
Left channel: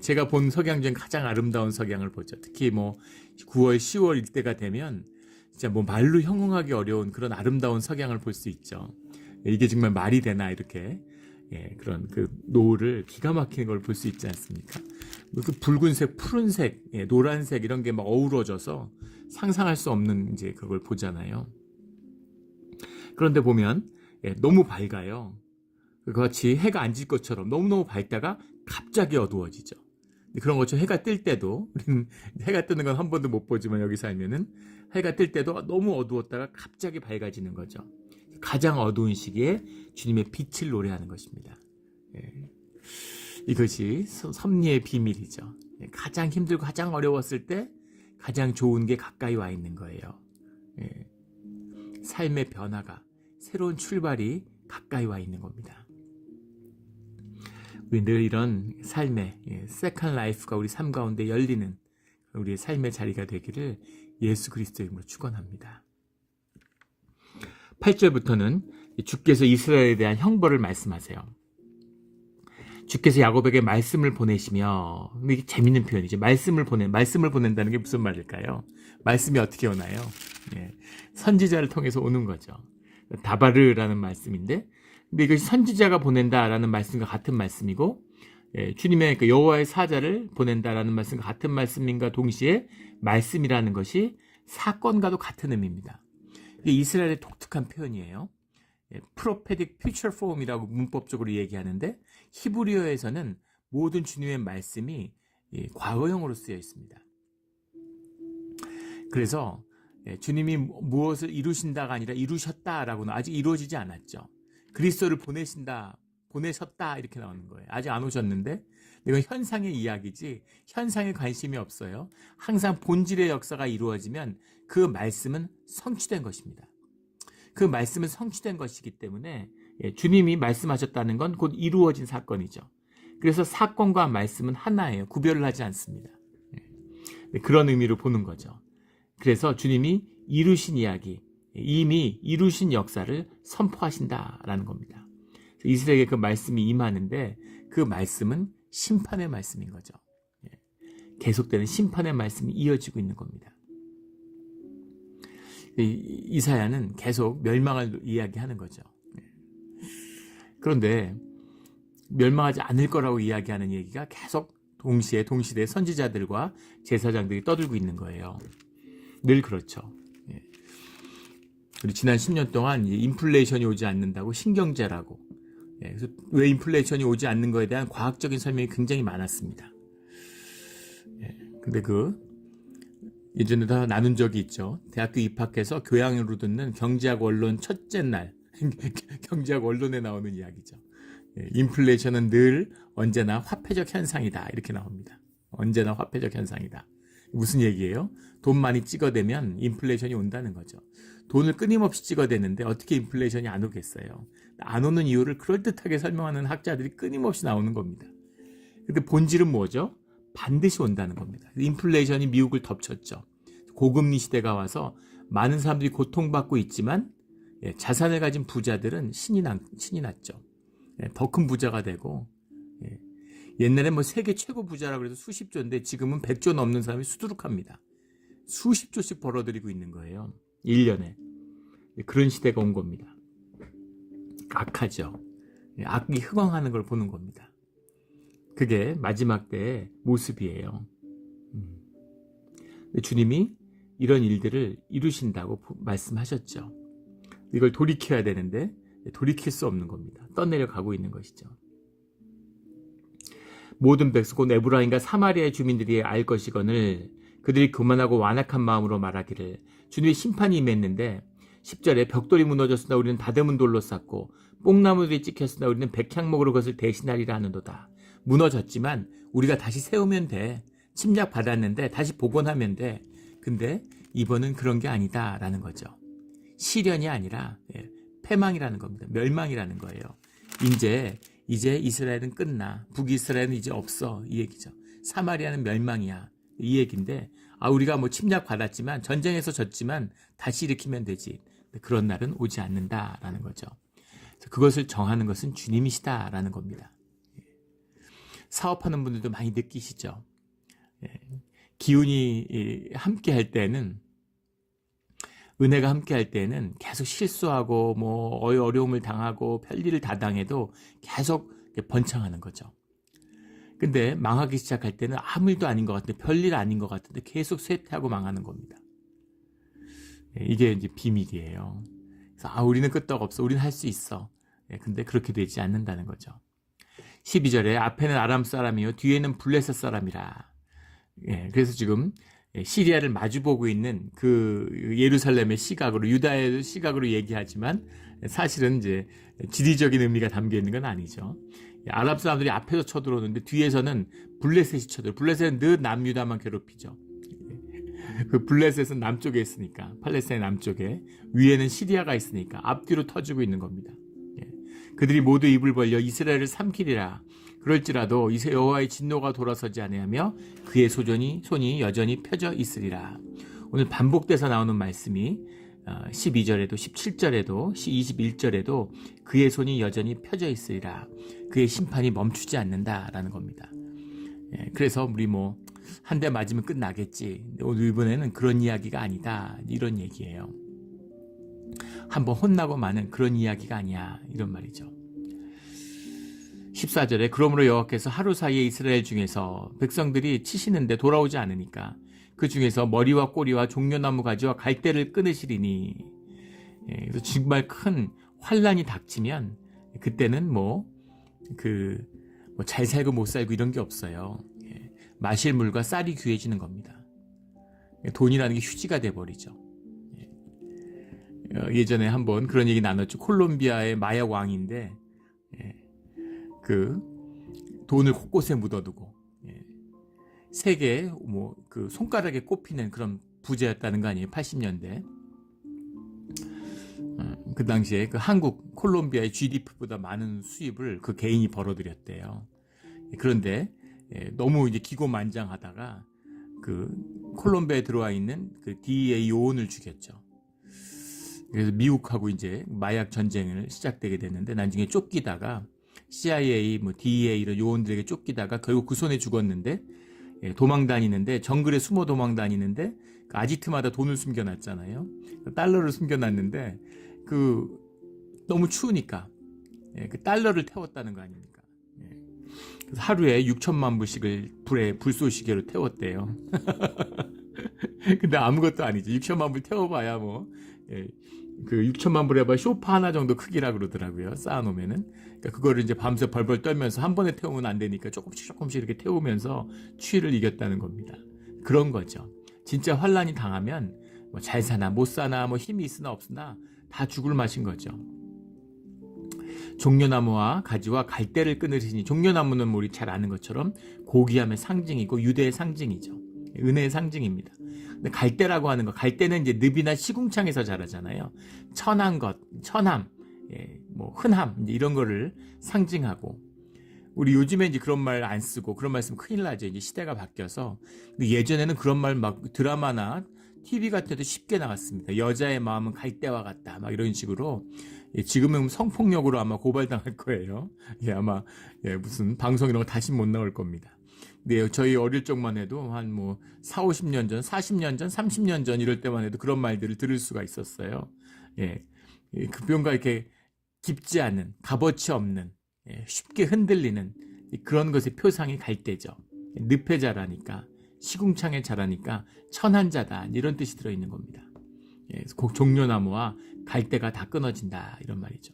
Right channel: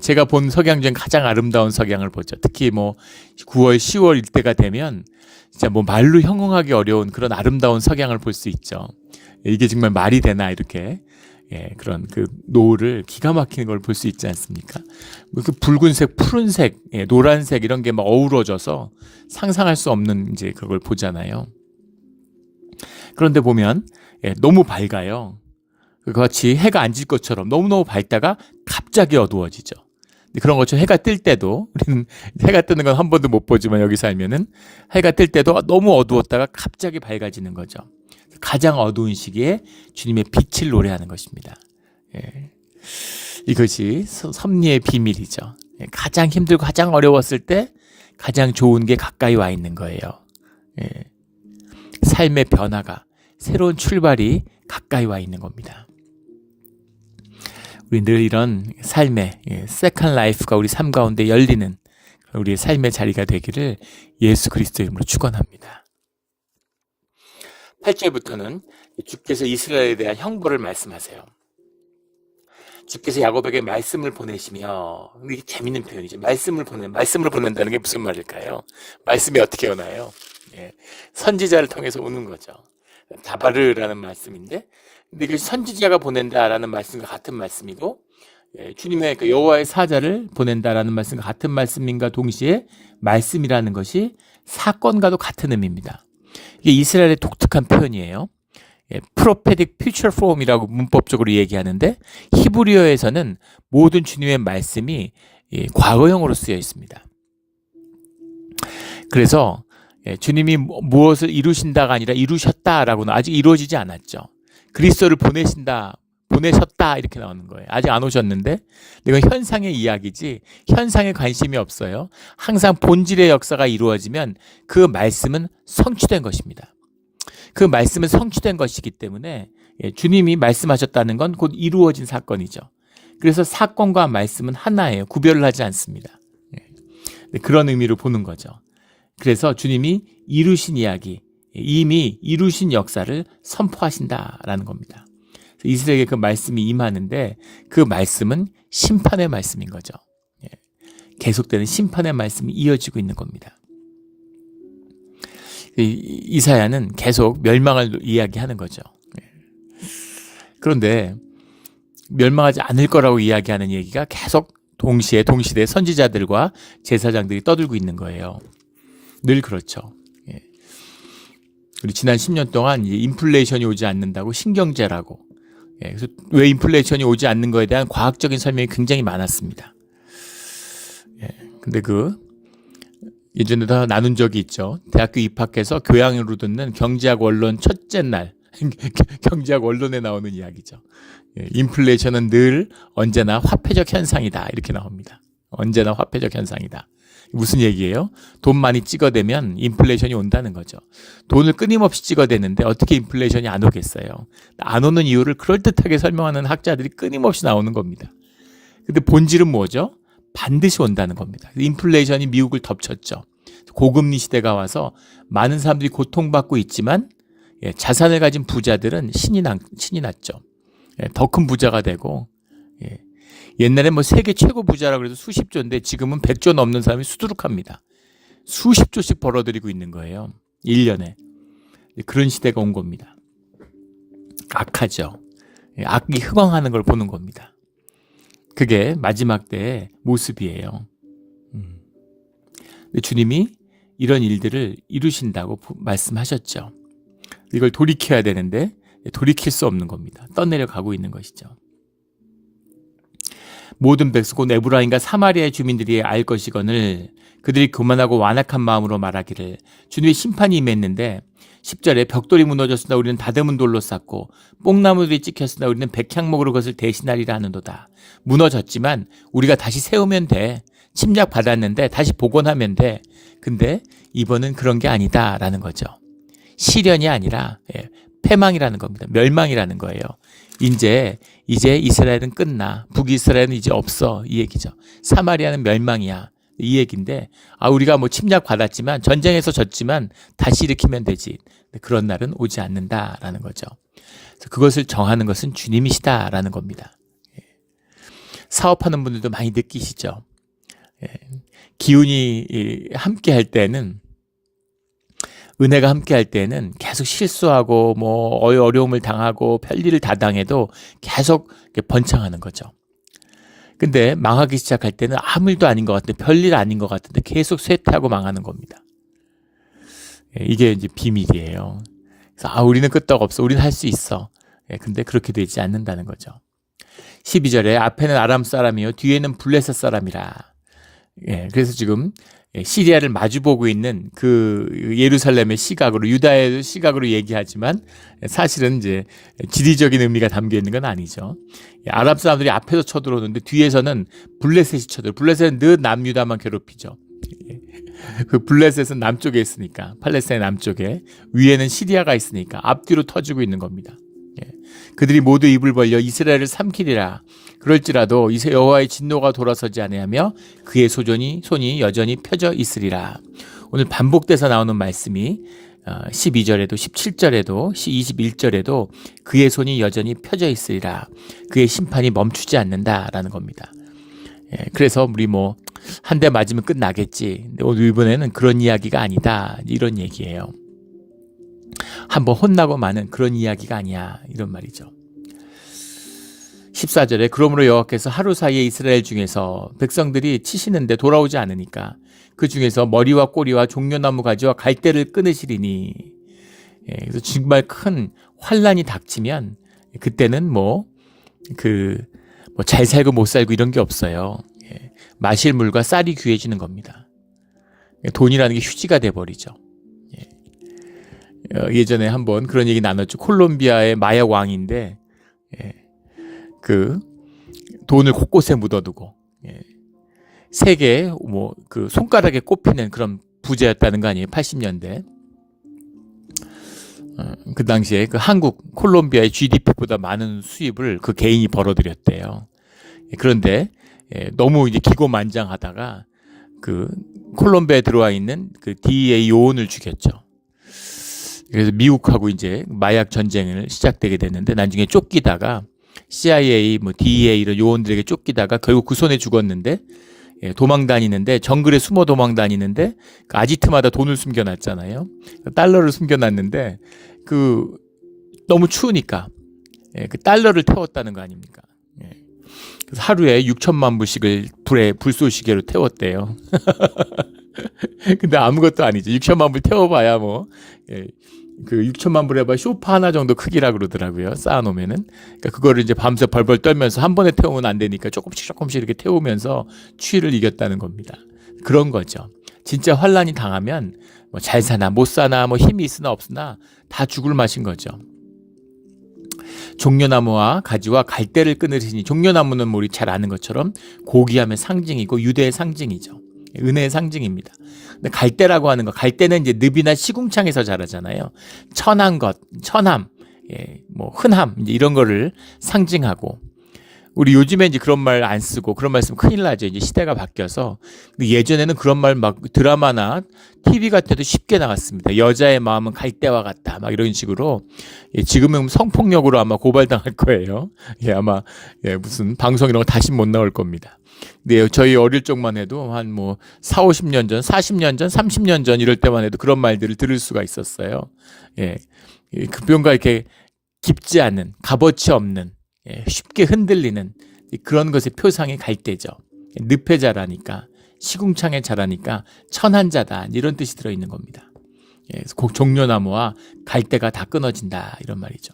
제가 본 석양 중 가장 아름다운 석양을 보죠. 특히 9월, 10월 이때가 되면 진짜 말로 형용하기 어려운 그런 아름다운 석양을 볼 수 있죠. 이게 정말 말이 되나 이렇게. 그런 그 노을을 기가 막히는 걸 볼 수 있지 않습니까? 그 붉은색, 푸른색, 노란색 이런 게 막 어우러져서 상상할 수 없는 이제 그걸 보잖아요. 그런데 보면 너무 밝아요. 그같이 해가 안 질 것처럼 너무너무 밝다가 갑자기 어두워지죠. 그런 것처럼 해가 뜰 때도, 우리는 해가 뜨는 건 한 번도 못 보지만 여기 살면은 해가 뜰 때도 너무 어두웠다가 갑자기 밝아지는 거죠. 가장 어두운 시기에 주님의 빛을 노래하는 것입니다. 이것이 섭리의 비밀이죠. 가장 힘들고 가장 어려웠을 때 가장 좋은 게 가까이 와 있는 거예요. 삶의 변화가, 새로운 출발이 가까이 와 있는 겁니다. 우리 늘 이런 삶의 세컨 라이프가 우리 삶 가운데 열리는 우리의 삶의 자리가 되기를 예수 그리스도의 이름으로 축원합니다. 8절부터는 주께서 이스라엘에 대한 형벌을 말씀하세요. 주께서 야곱에게 말씀을 보내시며, 이게 재밌는 표현이죠. 말씀을 보낸다는 게 무슨 말일까요? 말씀이 어떻게 오나요? 선지자를 통해서 오는 거죠. 다바르라는 말씀인데, 근데 이것이 선지자가 보낸다라는 말씀과 같은 말씀이고, 주님의 그 여호와의 사자를 보낸다라는 말씀과 같은 말씀인가 동시에 말씀이라는 것이 사건과도 같은 의미입니다. 이게 이스라엘의 독특한 표현이에요. 프로페딕 퓨처 폼이라고 문법적으로 얘기하는데, 히브리어에서는 모든 주님의 말씀이 과거형으로 쓰여 있습니다. 그래서 주님이 무엇을 이루신다가 아니라 이루셨다라고는 아직 이루어지지 않았죠. 그리스도를 보내셨다 이렇게 나오는 거예요. 아직 안 오셨는데, 이건 현상의 이야기지 현상에 관심이 없어요. 항상 본질의 역사가 이루어지면 그 말씀은 성취된 것입니다. 그 말씀은 성취된 것이기 때문에 주님이 말씀하셨다는 건 곧 이루어진 사건이죠. 그래서 사건과 말씀은 하나예요. 구별을 하지 않습니다. 그런 의미로 보는 거죠. 그래서 주님이 이루신 이야기, 이미 이루신 역사를 선포하신다라는 겁니다. 이스라엘에게 그 말씀이 임하는데, 그 말씀은 심판의 말씀인 거죠. 계속되는 심판의 말씀이 이어지고 있는 겁니다. 이사야는 계속 멸망을 이야기하는 거죠. 그런데 멸망하지 않을 거라고 이야기하는 얘기가 계속 동시대 선지자들과 제사장들이 떠들고 있는 거예요. 늘 그렇죠. 우리 지난 10년 동안 인플레이션이 오지 않는다고 신경제라고, 그래서 왜 인플레이션이 오지 않는 거에 대한 과학적인 설명이 굉장히 많았습니다. 근데 예전에 다 나눈 적이 있죠. 대학교 입학해서 교양으로 듣는 경제학 원론 첫째 날 경제학 원론에 나오는 이야기죠. 인플레이션은 늘 언제나 화폐적 현상이다 이렇게 나옵니다. 언제나 화폐적 현상이다. 무슨 얘기예요? 돈 많이 찍어대면 인플레이션이 온다는 거죠. 돈을 끊임없이 찍어대는데 어떻게 인플레이션이 안 오겠어요? 안 오는 이유를 그럴듯하게 설명하는 학자들이 끊임없이 나오는 겁니다. 근데 본질은 뭐죠? 반드시 온다는 겁니다. 인플레이션이 미국을 덮쳤죠. 고금리 시대가 와서 많은 사람들이 고통받고 있지만 자산을 가진 부자들은 신이 났죠. 더 큰 부자가 되고, 옛날에 세계 최고 부자라고 해도 수십조인데 지금은 100조 넘는 사람이 수두룩합니다. 수십조씩 벌어들이고 있는 거예요. 1년에. 그런 시대가 온 겁니다. 악하죠. 악이 흥왕하는 걸 보는 겁니다. 그게 마지막 때의 모습이에요. 주님이 이런 일들을 이루신다고 말씀하셨죠. 이걸 돌이켜야 되는데 돌이킬 수 없는 겁니다. 떠내려가고 있는 것이죠. 모든 백성 곧 에브라임과 사마리아의 주민들이 알 것이거늘 그들이 교만하고 완악한 마음으로 말하기를 주님의 심판이 임했는데 10절에 벽돌이 무너졌으나 우리는 다듬은 돌로 쌓고 뽕나무들이 찍혔으나 우리는 백향목으로 그것을 대신하리라 하는도다. 무너졌지만 우리가 다시 세우면 돼. 침략 받았는데 다시 복원하면 돼. 근데 이번은 그런 게 아니다라는 거죠. 시련이 아니라 패망이라는 겁니다. 멸망이라는 거예요. 이제 이스라엘은 끝나. 북이스라엘은 이제 없어. 이 얘기죠. 사마리아는 멸망이야. 이 얘기인데 우리가 뭐 침략 받았지만 전쟁에서 졌지만 다시 일으키면 되지. 그런 날은 오지 않는다라는 거죠. 그래서 그것을 정하는 것은 주님이시다라는 겁니다. 사업하는 분들도 많이 느끼시죠. 기운이 함께 할 때는, 은혜가 함께 할 때는 계속 실수하고 뭐 어려움을 당하고 별일을 다 당해도 계속 번창하는 거죠. 근데 망하기 시작할 때는 아무 일도 아닌 것 같은데, 별일 아닌 것 같은데 계속 쇠퇴하고 망하는 겁니다. 이게 이제 비밀이에요. 그래서 우리는 끄떡없어. 우리는 할 수 있어. 근데 그렇게 되지 않는다는 거죠. 12절에 앞에는 아람 사람이요 뒤에는 블레셋 사람이라. 그래서 지금 시리아를 마주보고 있는 그 예루살렘의 시각으로, 유다의 시각으로 얘기하지만 사실은 이제 지리적인 의미가 담겨 있는 건 아니죠. 아랍 사람들이 앞에서 쳐들어오는데 뒤에서는 블레셋이 쳐들어. 블레셋은 늘 남유다만 괴롭히죠. 그 블레셋은 남쪽에 있으니까, 팔레스타인 남쪽에, 위에는 시리아가 있으니까 앞뒤로 터지고 있는 겁니다. 그들이 모두 입을 벌려 이스라엘을 삼키리라. 그럴지라도 여호와의 진노가 돌아서지 아니하며 그의 손이 여전히 펴져 있으리라. 오늘 반복돼서 나오는 말씀이 12절에도 17절에도 21절에도 그의 손이 여전히 펴져 있으리라. 그의 심판이 멈추지 않는다라는 겁니다. 그래서 우리 뭐 한 대 맞으면 끝나겠지. 근데 오늘 이번에는 그런 이야기가 아니다. 이런 얘기예요. 한번 혼나고 마는 그런 이야기가 아니야. 이런 말이죠. 14절에 그러므로 여호와께서 하루 사이에 이스라엘 중에서 백성들이 치시는데 돌아오지 않으니까 그 중에서 머리와 꼬리와 종려나무 가지와 갈대를 끊으시리니. 그래서 정말 큰 환란이 닥치면 그때는 잘 살고 못 살고 이런 게 없어요. 마실 물과 쌀이 귀해지는 겁니다. 돈이라는 게 휴지가 돼버리죠. 예전에 한번 그런 얘기 나눴죠. 콜롬비아의 마약 왕인데 그 돈을 곳곳에 묻어두고 세계 그 손가락에 꼽히는 그런 부자였다는 거 아니에요. 80년대. 그 당시에 그 한국 콜롬비아의 GDP보다 많은 수입을 그 개인이 벌어들였대요. 그런데 너무 이제 기고만장하다가 그 콜롬비아에 들어와 있는 그 DEA 요원을 죽였죠. 그래서 미국하고 이제 마약 전쟁을 시작되게 됐는데 나중에 쫓기다가 CIA, DEA 이런 요원들에게 쫓기다가 결국 그 손에 죽었는데 도망 다니는데 정글에 숨어 도망 다니는데 그 아지트마다 돈을 숨겨놨잖아요. 달러를 숨겨놨는데 그 너무 추우니까 그 달러를 태웠다는 거 아닙니까? 그래서 하루에 6천만 불씩을 불쏘시개로 태웠대요. 근데 아무것도 아니죠. 6천만 불 태워봐야 그 6천만 불 해봐 쇼파 하나 정도 크기라 그러더라고요. 쌓아놓으면은. 그러니까 그거를 이제 밤새 벌벌 떨면서 한 번에 태우면 안 되니까 조금씩 이렇게 태우면서 추위를 이겼다는 겁니다. 그런 거죠. 진짜 환란이 당하면 잘 사나 못 사나 힘이 있으나 없으나 다 죽을 맛인 거죠. 종려나무와 가지와 갈대를 끊으시니, 종려나무는 우리 잘 아는 것처럼 고귀함의 상징이고 유대의 상징이죠. 은혜의 상징입니다. 근데 갈대라고 하는 거, 갈대는 이제 늪이나 시궁창에서 자라잖아요. 천한 것, 천함, 흔함, 이제 이런 거를 상징하고, 우리 요즘에 이제 그런 말 안 쓰고 그런 말 쓰면 큰일 나죠. 이제 시대가 바뀌어서. 근데 예전에는 그런 말 드라마나 TV 같은 데도 쉽게 나왔습니다. 여자의 마음은 갈대와 같다. 이런 식으로. 지금은 성폭력으로 아마 고발당할 거예요. 아마 무슨 방송 이런 거 다시 못 나올 겁니다. 네, 저희 어릴 적만 해도 한 4, 50년 전, 40년 전, 30년 전 이럴 때만 해도 그런 말들을 들을 수가 있었어요. 뭔가 이렇게 깊지 않은, 값어치 없는, 쉽게 흔들리는 그런 것의 표상이 갈대죠. 늪에 자라니까, 시궁창에 자라니까 천한 자다, 이런 뜻이 들어있는 겁니다. 그래서 종려나무와 갈대가 다 끊어진다, 이런 말이죠.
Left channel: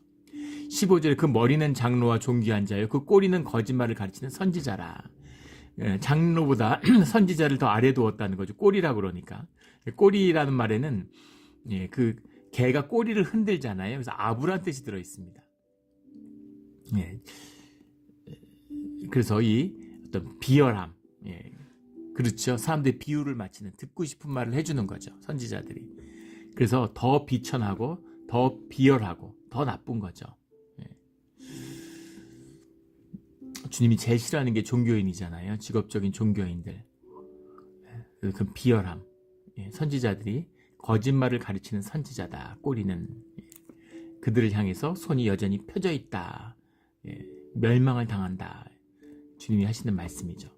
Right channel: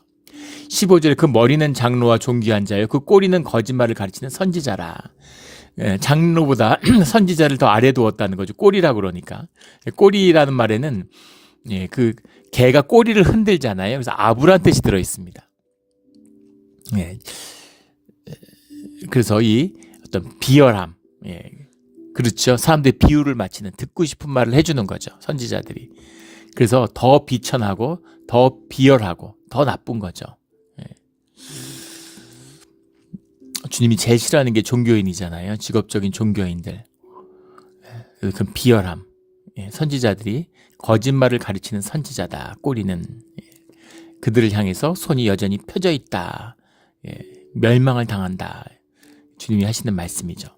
15절에 그 머리는 장로와 존귀한 자요 그 꼬리는 거짓말을 가르치는 선지자라. 장로보다 선지자를 더 아래 두었다는 거죠. 꼬리라 그러니까. 꼬리라는 말에는 예, 그 개가 꼬리를 흔들잖아요. 그래서 아부란 뜻이 들어 있습니다. 예, 그래서 이 어떤 비열함, 예, 그렇죠. 사람들이 비유를 맞히는 듣고 싶은 말을 해주는 거죠. 선지자들이. 그래서 더 비천하고 더 비열하고 더 나쁜 거죠. 예. 주님이 제일 싫어하는 게 종교인이잖아요. 직업적인 종교인들. 그 비열함. 예, 선지자들이 거짓말을 가르치는 선지자다. 꼬리는 그들을 향해서 손이 여전히 펴져 있다. 예, 멸망을 당한다. 주님이 하시는 말씀이죠.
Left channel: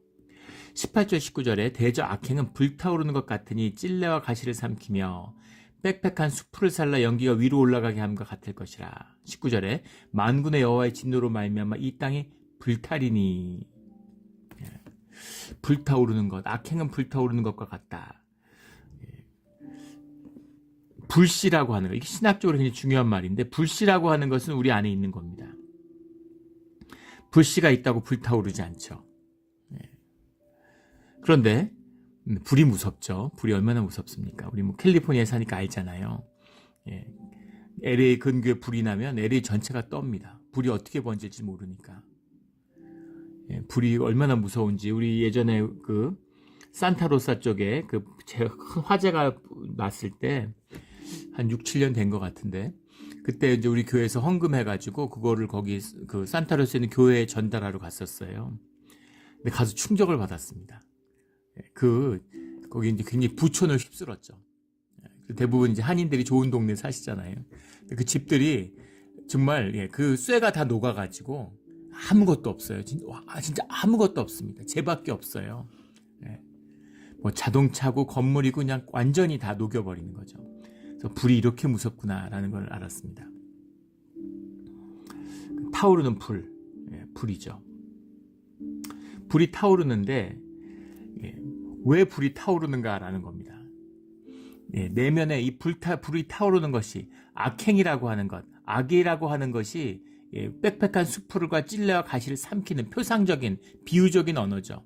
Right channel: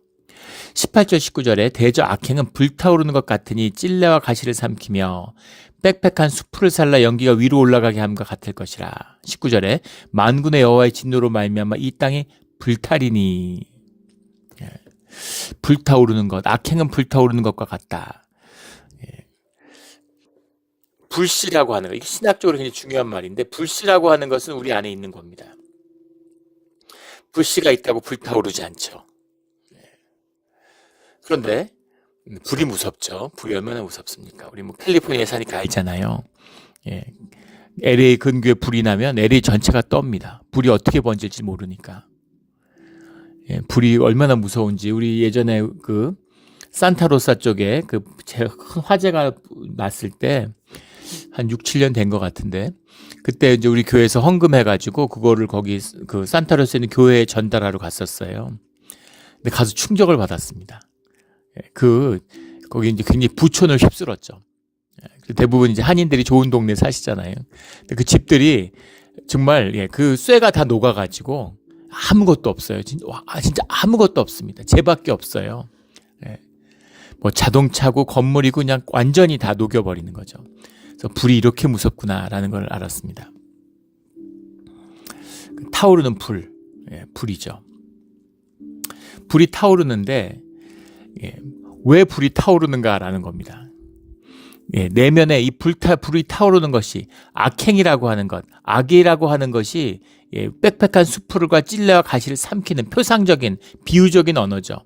18절 19절에 대저 악행은 불타오르는 것 같으니 찔레와 가시를 삼키며 빽빽한 수풀을 살라 연기가 위로 올라가게 함과 같을 것이라. 19절에 만군의 여호와의 진노로 말미암아 이 땅이 불타리니. 예, 불타오르는 것, 악행은 불타오르는 것과 같다. 예. 불씨라고 하는 거, 이게 신학적으로 굉장히 중요한 말인데, 불씨라고 하는 것은 우리 안에 있는 겁니다. 불씨가 있다고 불타오르지 않죠. 예. 그런데 불이 무섭죠. 불이 얼마나 무섭습니까? 우리 뭐 캘리포니아에 사니까 알잖아요. 예. LA 근교에 불이 나면 LA 전체가 떱니다. 불이 어떻게 번질지 모르니까. 예, 불이 얼마나 무서운지. 우리 예전에 그 산타로사 쪽에 그 화재가 났을 때 한 6, 7년 된 것 같은데, 그때 이제 우리 교회에서 헌금해가지고 그거를 거기 그 산타로사에 있는 교회에 전달하러 갔었어요. 근데 가서 충격을 받았습니다. 예, 거기 이제 굉장히 부촌을 휩쓸었죠. 예, 대부분 이제 한인들이 좋은 동네 사시잖아요. 근데 그 집들이 정말, 예, 그 쇠가 다 녹아가지고 아무것도 없어요. 진짜 아무것도 없습니다. 쟤밖에 없어요. 예. 뭐 자동차고 건물이고 그냥 완전히 다 녹여버리는 거죠. 그래서 불이 이렇게 무섭구나라는 걸 알았습니다. 타오르는 불, 예, 불이죠. 불이 타오르는데, 예, 왜 불이 타오르는가라는 겁니다. 예, 내면에 이 불이 타오르는 것이 악행이라고 하는 것, 악이라고 하는 것이, 예, 빽빽한 수풀과 찔레와 가시를 삼키는 표상적인 비유적인 언어죠.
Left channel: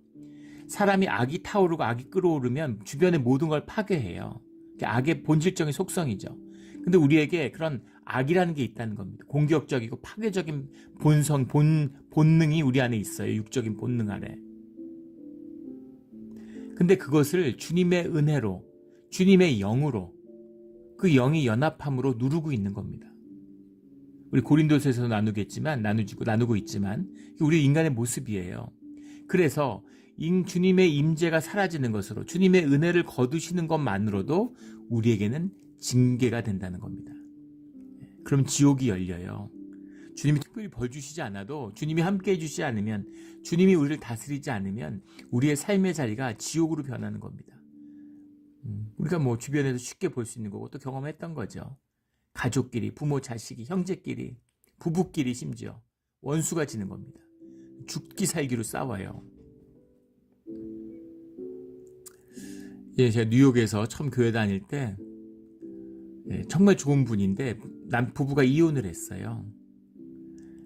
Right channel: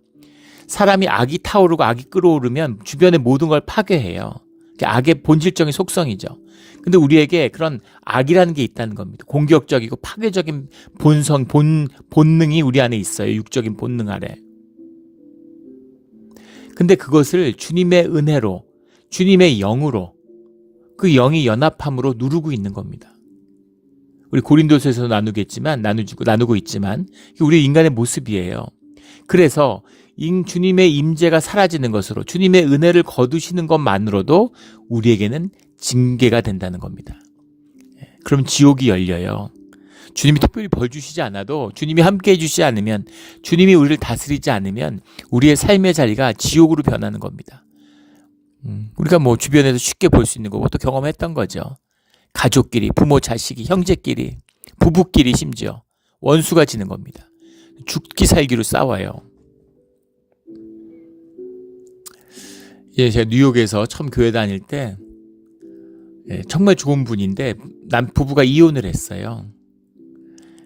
사람이 악이 타오르고 악이 끓어오르면 주변의 모든 걸 파괴해요. 악의 본질적인 속성이죠. 근데 우리에게 그런 악이라는 게 있다는 겁니다. 공격적이고 파괴적인 본능이 우리 안에 있어요. 육적인 본능 아래. 근데 그것을 주님의 은혜로, 주님의 영으로, 그 영이 연합함으로 누르고 있는 겁니다. 우리 고린도서에서 나누고 있지만 우리 인간의 모습이에요. 그래서 주님의 임재가 사라지는 것으로 주님의 은혜를 거두시는 것만으로도 우리에게는 징계가 된다는 겁니다. 그럼 지옥이 열려요. 주님이 특별히 벌 주시지 않아도, 주님이 함께 해주시지 않으면, 주님이 우리를 다스리지 않으면 우리의 삶의 자리가 지옥으로 변하는 겁니다. 우리가 뭐 주변에서 쉽게 볼 수 있는 거고 또 경험했던 거죠. 가족끼리, 부모, 자식이, 형제끼리, 부부끼리 심지어 원수가 지는 겁니다. 죽기 살기로 싸워요. 예, 제가 뉴욕에서 처음 교회 다닐 때, 예, 정말 좋은 분인데 부부가 이혼을 했어요.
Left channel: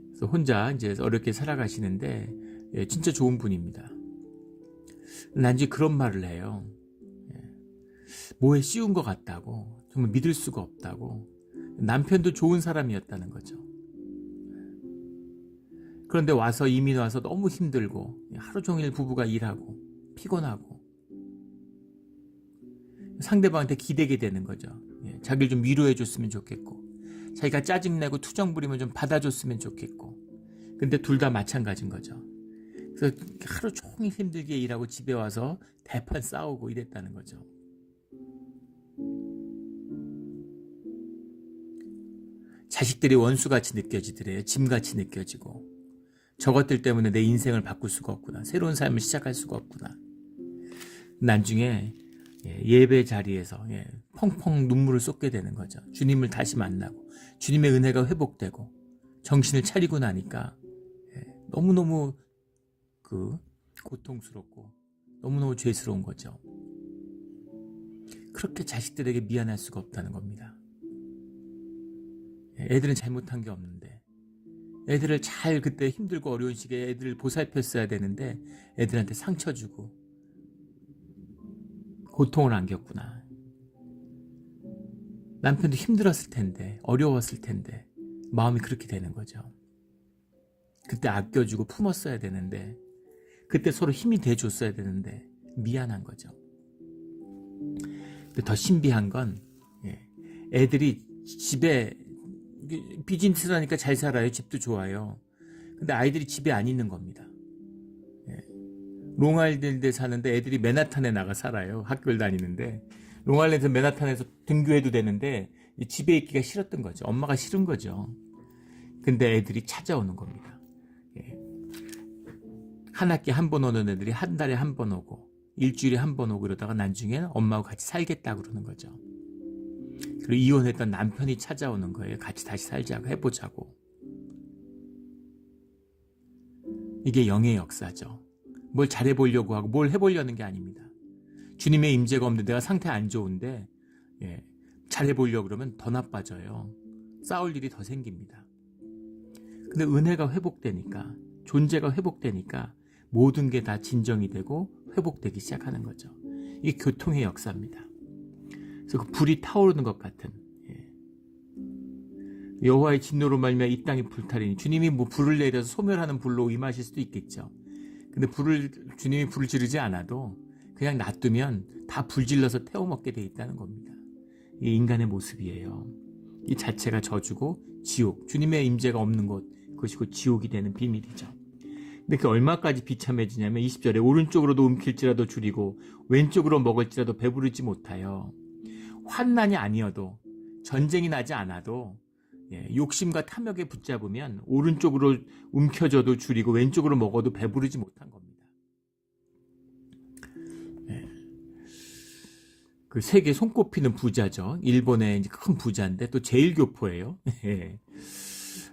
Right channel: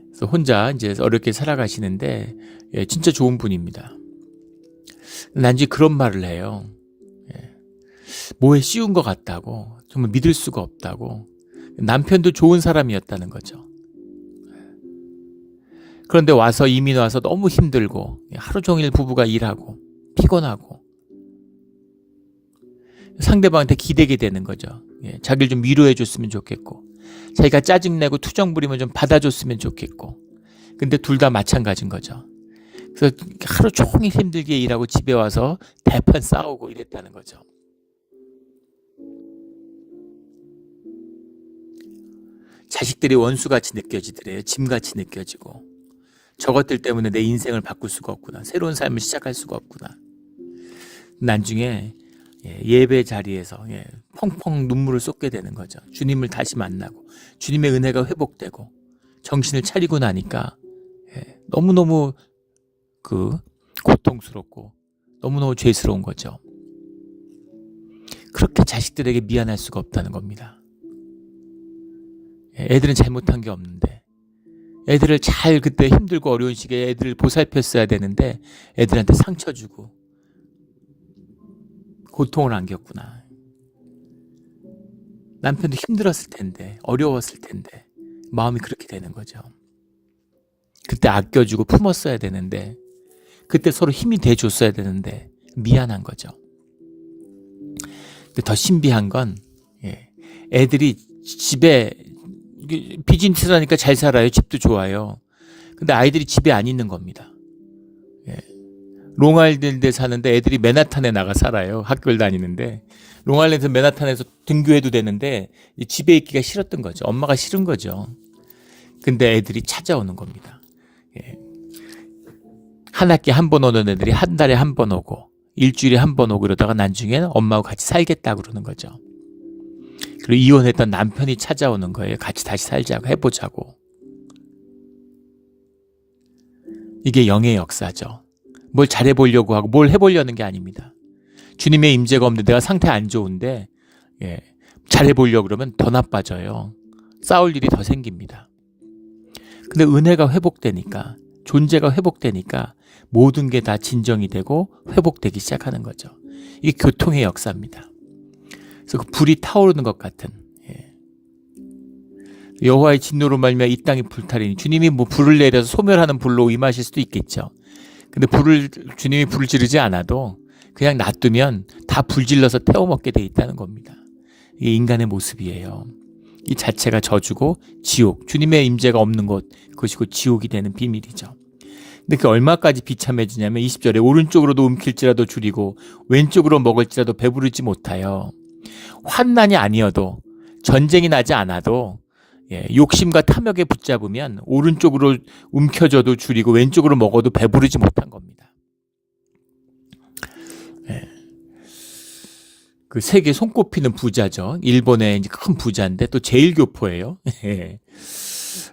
그래서 혼자 이제 어렵게 살아가시는데, 예, 진짜 좋은 분입니다. 난지 그런 말을 해요. 예, 뭐에 씌운 것 같다고, 정말 믿을 수가 없다고. 남편도 좋은 사람이었다는 거죠. 그런데 이민 와서 너무 힘들고 하루 종일 부부가 일하고 피곤하고 상대방한테 기대게 되는 거죠. 예, 자기를 좀 위로해 줬으면 좋겠고, 자기가 짜증내고 투정 부리면 좀 받아줬으면 좋겠고. 근데 둘 다 마찬가지인 거죠. 그래서 하루 종일 힘들게 일하고 집에 와서 대판 싸우고 이랬다는 거죠. 자식들이 원수같이 느껴지더래요. 짐같이 느껴지고, 저것들 때문에 내 인생을 바꿀 수가 없구나, 새로운 삶을 시작할 수가 없구나. 나중에 예배 자리에서 펑펑 눈물을 쏟게 되는 거죠. 주님을 다시 만나고 주님의 은혜가 회복되고 정신을 차리고 나니까 너무너무 고통스럽고 너무너무 죄스러운 거죠. 그렇게 자식들에게 미안할 수가 없다는 겁니다. 애들은 잘못한 게 없는데, 애들을 잘 그때 힘들고 어려운 시기에 애들을 보살폈어야 되는데 애들한테 상처 주고 고통을 안겼구나. 남편도 힘들었을 텐데, 어려웠을 텐데 마음이 그렇게 되는 거죠. 그때 아껴주고 품었어야 되는데, 그때 서로 힘이 돼줬어야 되는데 미안한 거죠. 근데 더 신비한 건 애들이 집에 비즈니스라니까 잘 살아요. 집도 좋아요. 근데 아이들이 집에 안 있는 겁니다. 롱아일랜드에 사는데 애들이 맨하탄에 나가 살아요. 학교를 다니는데 롱아일랜드 맨하탄에서 등교해도 되는데 집에 있기가 싫었던 거죠. 엄마가 싫은 거죠. 근데 애들이 찾아오는 겁니다. 한 학기에 한 번 오는 애들이 한 달에 한 번 오고 일주일에 한 번 오고 그러다가 나중에는 엄마하고 같이 살겠다고 그러는 거죠. 그리고 이혼했던 남편이 찾아오는 거예요. 같이 다시 살자고, 해보자고. 이게 영의 역사죠. 뭘 잘해보려고 하고 뭘 해보려는 게 아닙니다. 주님의 임재가 없는데 내가 상태 안 좋은데 잘해보려고 그러면 더 나빠져요. 싸울 일이 더 생깁니다. 근데 은혜가 회복되니까, 존재가 회복되니까 모든 게 다 진정이 되고 회복되기 시작하는 거죠. 이게 교통의 역사입니다. 그래서 그 불이 타오르는 것 같은, 여호와의 진노로 말미암아 이 땅이 불타리니, 주님이 뭐 불을 내려서 소멸하는 불로 임하실 수도 있겠죠. 근데 주님이 불을 지르지 않아도 그냥 놔두면 다 불질러서 태워먹게 돼 있다는 겁니다. 이게 인간의 모습이에요. 이 자체가 저주고 지옥, 주님의 임재가 없는 곳, 그것이 곧 지옥이 되는 비밀이죠. 근데 그 얼마까지 비참해지냐면 20절에 오른쪽으로도 움킬지라도 줄이고 왼쪽으로 먹을지라도 배부르지 못하여, 환난이 아니어도, 전쟁이 나지 않아도 욕심과 탐욕에 붙잡으면 오른쪽으로 움켜져도 줄이고 왼쪽으로 먹어도 배부르지 못한 겁니다. 그 세계 손꼽히는 부자죠. 일본의 이제 큰 부자인데 또 제일 교포예요.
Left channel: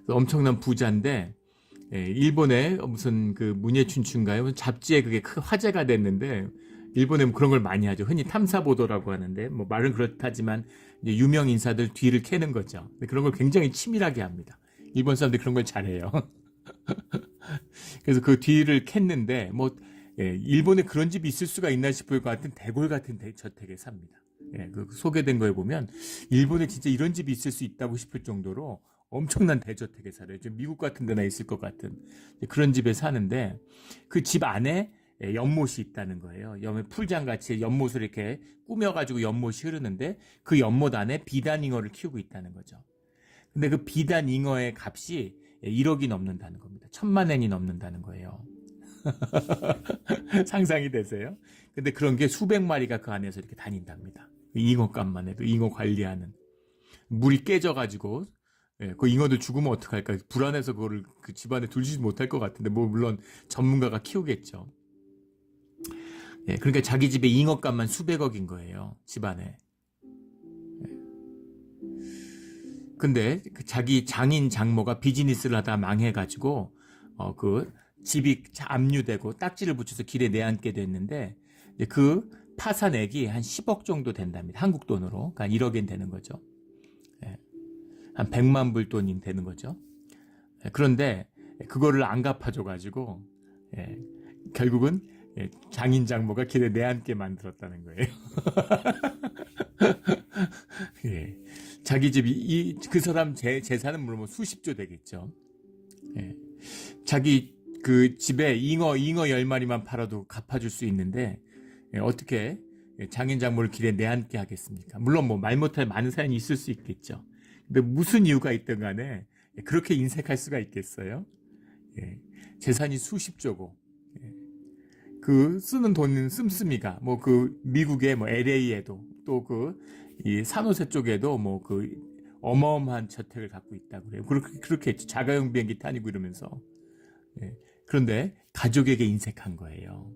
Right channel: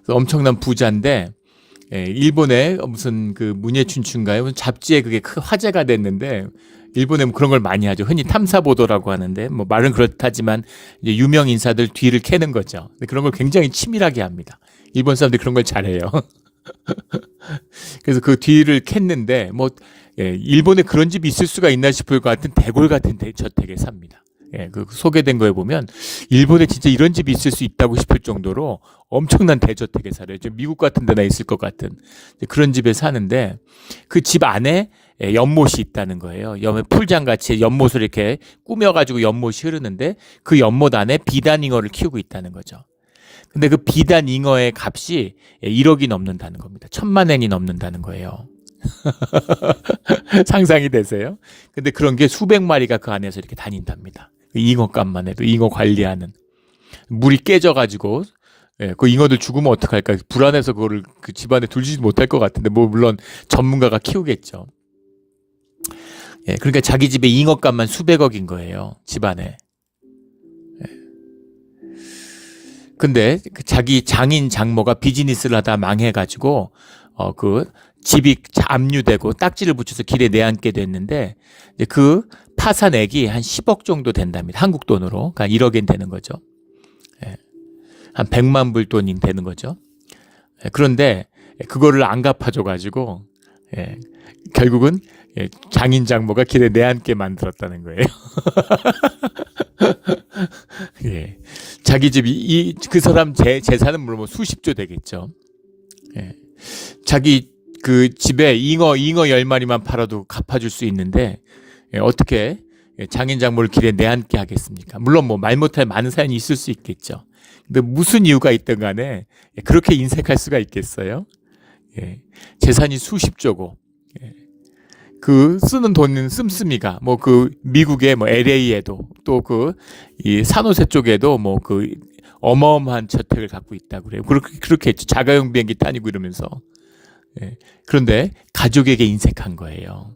엄청난 부자인데 일본의 무슨 그 문예춘춘가요? 잡지에 그게 큰 화제가 됐는데, 일본에 뭐 그런 걸 많이 하죠. 흔히 탐사보도라고 하는데, 뭐 말은 그렇다지만 이제 유명 인사들 뒤를 캐는 거죠. 근데 그런 걸 굉장히 치밀하게 합니다. 일본 사람들이 그런 걸 잘해요. 그래서 그 뒤를 캤는데 일본에 그런 집이 있을 수가 있나 싶을 것 같은 대골 같은 저택에 삽니다. 그 소개된 거에 보면 일본에 진짜 이런 집이 있을 수 있다고 싶을 정도로 엄청난 대저택에 살아요. 미국 같은 데나 있을 것 같은 그런 집에 사는데, 그 집 안에 연못이 있다는 거예요. 풀장같이 연못을 이렇게 꾸며가지고 연못이 흐르는데 그 연못 안에 비단잉어를 키우고 있다는 거죠. 근데 그 비단잉어의 값이 1억이 넘는다는 겁니다. 10,000,000엔이 넘는다는 거예요. 상상이 되세요? 근데 그런 게 수백 마리가 그 안에서 이렇게 다닌답니다. 잉어값만 해도, 잉어 관리하는. 물이 깨져가지고 그 잉어들 죽으면 어떡할까, 불안해서 그거를 그 집안에 두지 못할 것 같은데, 뭐 물론 전문가가 키우겠죠. 그러니까 자기 집에 잉어값만 수백억인 거예요, 집안에. 근데 그 자기 장인 장모가 비즈니스를 하다 망해가지고 그 집이 압류되고 딱지를 붙여서 길에 내앉게 됐는데, 그 파산액이 한 10억 정도 된답니다. 한국 돈으로. 그러니까 1억엔 되는 거죠. 한 100만 불 돈이 되는 거죠. 그런데 그거를 안 갚아줘가지고 결국은 장인 장모가 길에 내앉게 만들었다는 거예요. 자기 집이 그 사람 재산은 물론 수십조 되겠죠. 자기 그 집에 잉어 10마리만 팔아도 갚아줄 수 있는데 어떻게 장인 장모를 길에 내앉게 하겠습니까? 물론 뭐 말 못할 많은 사연이 있을 수 있겠죠. 근데 무슨 이유가 있든 간에 그렇게 인색할 수가 있겠어요? 재산이 수십조고, 그 쓰는 돈은 씀씀이가 뭐 그 미국의 뭐 LA에도 또 그 이 산호세 쪽에도 뭐 그 어마어마한 저택을 갖고 있다고 그래요. 그렇게 했죠. 자가용 비행기 타니고 이러면서. 그런데 가족에게 인색한 거예요.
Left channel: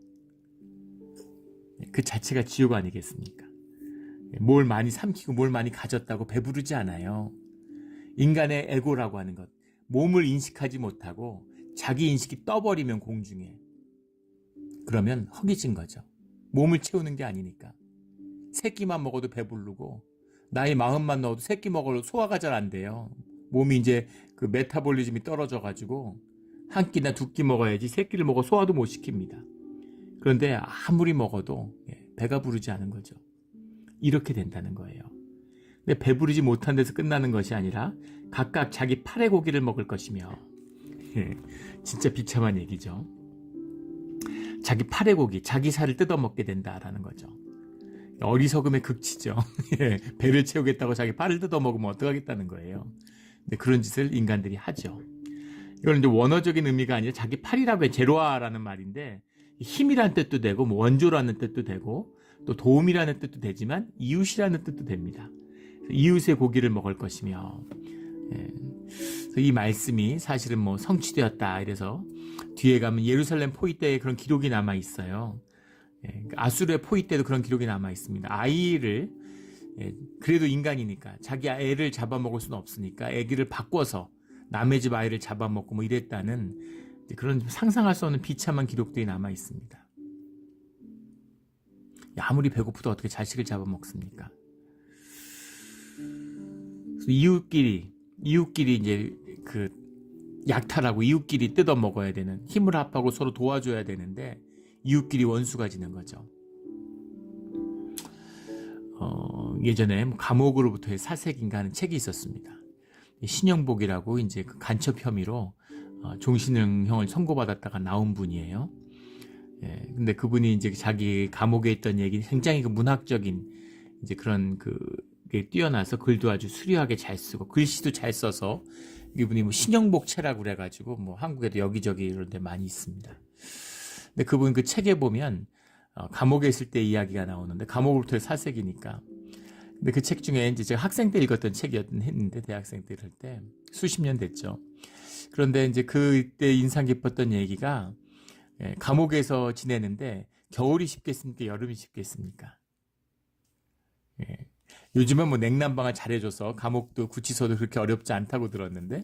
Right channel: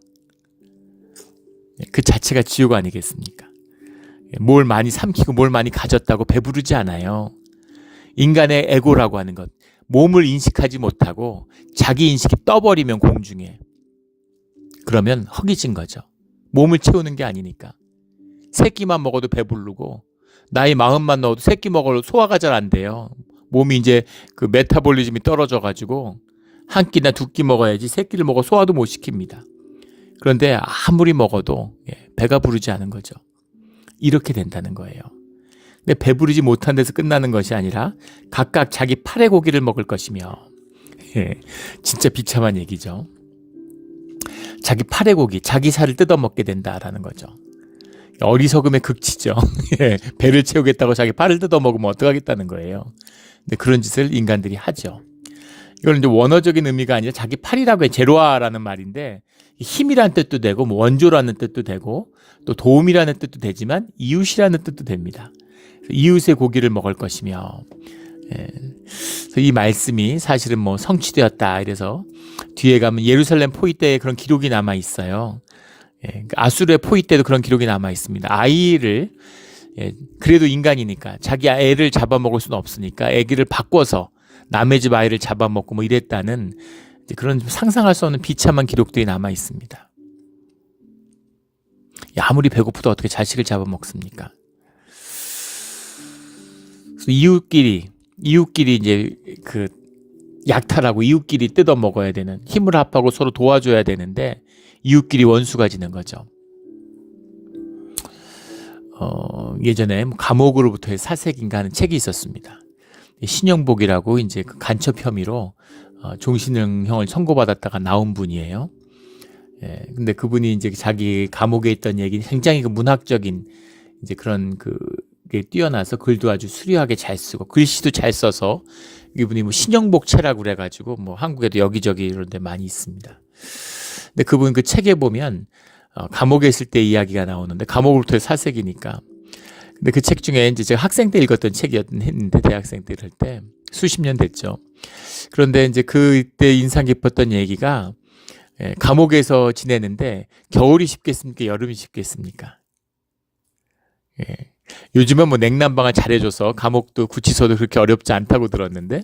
그 자체가 지옥 아니겠습니까? 뭘 많이 삼키고 뭘 많이 가졌다고 배부르지 않아요. 인간의 에고라고 하는 것, 몸을 인식하지 못하고 자기 인식이 떠버리면 공중에, 그러면 허기진 거죠. 몸을 채우는 게 아니니까. 새끼만 먹어도 배부르고 나이 40만 넣어도 새끼 먹어도 소화가 잘 안 돼요. 몸이 이제 그 메타볼리즘이 떨어져가지고 한 끼나 두 끼 먹어야지 새끼를 먹어 소화도 못 시킵니다. 그런데 아무리 먹어도 배가 부르지 않은 거죠. 이렇게 된다는 거예요. 근데 배부르지 못한 데서 끝나는 것이 아니라 각각 자기 팔의 고기를 먹을 것이며, 예, 진짜 비참한 얘기죠. 자기 팔의 고기, 자기 살을 뜯어먹게 된다라는 거죠. 어리석음의 극치죠. 예, 배를 채우겠다고 자기 팔을 뜯어먹으면 어떡하겠다는 거예요. 근데 그런 짓을 인간들이 하죠. 이건 이제 원어적인 의미가 아니라 자기 팔이라고 해, 제로아라는 말인데 힘이라는 뜻도 되고 뭐 원조라는 뜻도 되고 또 도움이라는 뜻도 되지만 이웃이라는 뜻도 됩니다. 이웃의 고기를 먹을 것이며, 예, 그래서 이 말씀이 사실은 뭐 성취되었다 이래서 뒤에 가면 예루살렘 포위 때에 그런 기록이 남아 있어요. 예, 아수르의 포위 때도 그런 기록이 남아 있습니다. 아이를, 예, 그래도 인간이니까 자기 애를 잡아먹을 수는 없으니까 아기를 바꿔서 남의 집 아이를 잡아먹고 뭐 이랬다는 그런 상상할 수 없는 비참한 기록들이 남아 있습니다. 아무리 배고프도 어떻게 자식을 잡아먹습니까? 이웃끼리 이제 그 약탈하고 이웃끼리 뜯어 먹어야 되는, 힘을 합하고 서로 도와줘야 되는데 이웃끼리 원수가 지는 거죠. 예전에 감옥으로부터의 사색인가 하는 책이 있었습니다. 신영복이라고 이제 그 간첩 혐의로 종신형을 선고받았다가 나온 분이에요. 예, 근데 그분이 이제 자기 감옥에 있던 얘기는 굉장히 그 문학적인 이제 그런 그게 뛰어나서 글도 아주 수려하게 잘 쓰고 글씨도 잘 써서 이분이 뭐 신영복체라고 그래가지고 뭐 한국에도 여기저기 이런 데 많이 있습니다. 근데 그분 그 책에 보면 감옥에 있을 때 이야기가 나오는데 감옥으로부터의 사색이니까. 근데 그 책 중에 이제 제가 학생 때 읽었던 책이었는데 대학생 때 이럴 때 수십 년 됐죠. 그런데 이제 그때 인상 깊었던 얘기가, 예, 감옥에서 지내는데 겨울이 쉽겠습니까? 여름이 쉽겠습니까? 예. 요즘은 뭐 냉난방을 잘해줘서 감옥도 구치소도 그렇게 어렵지 않다고 들었는데,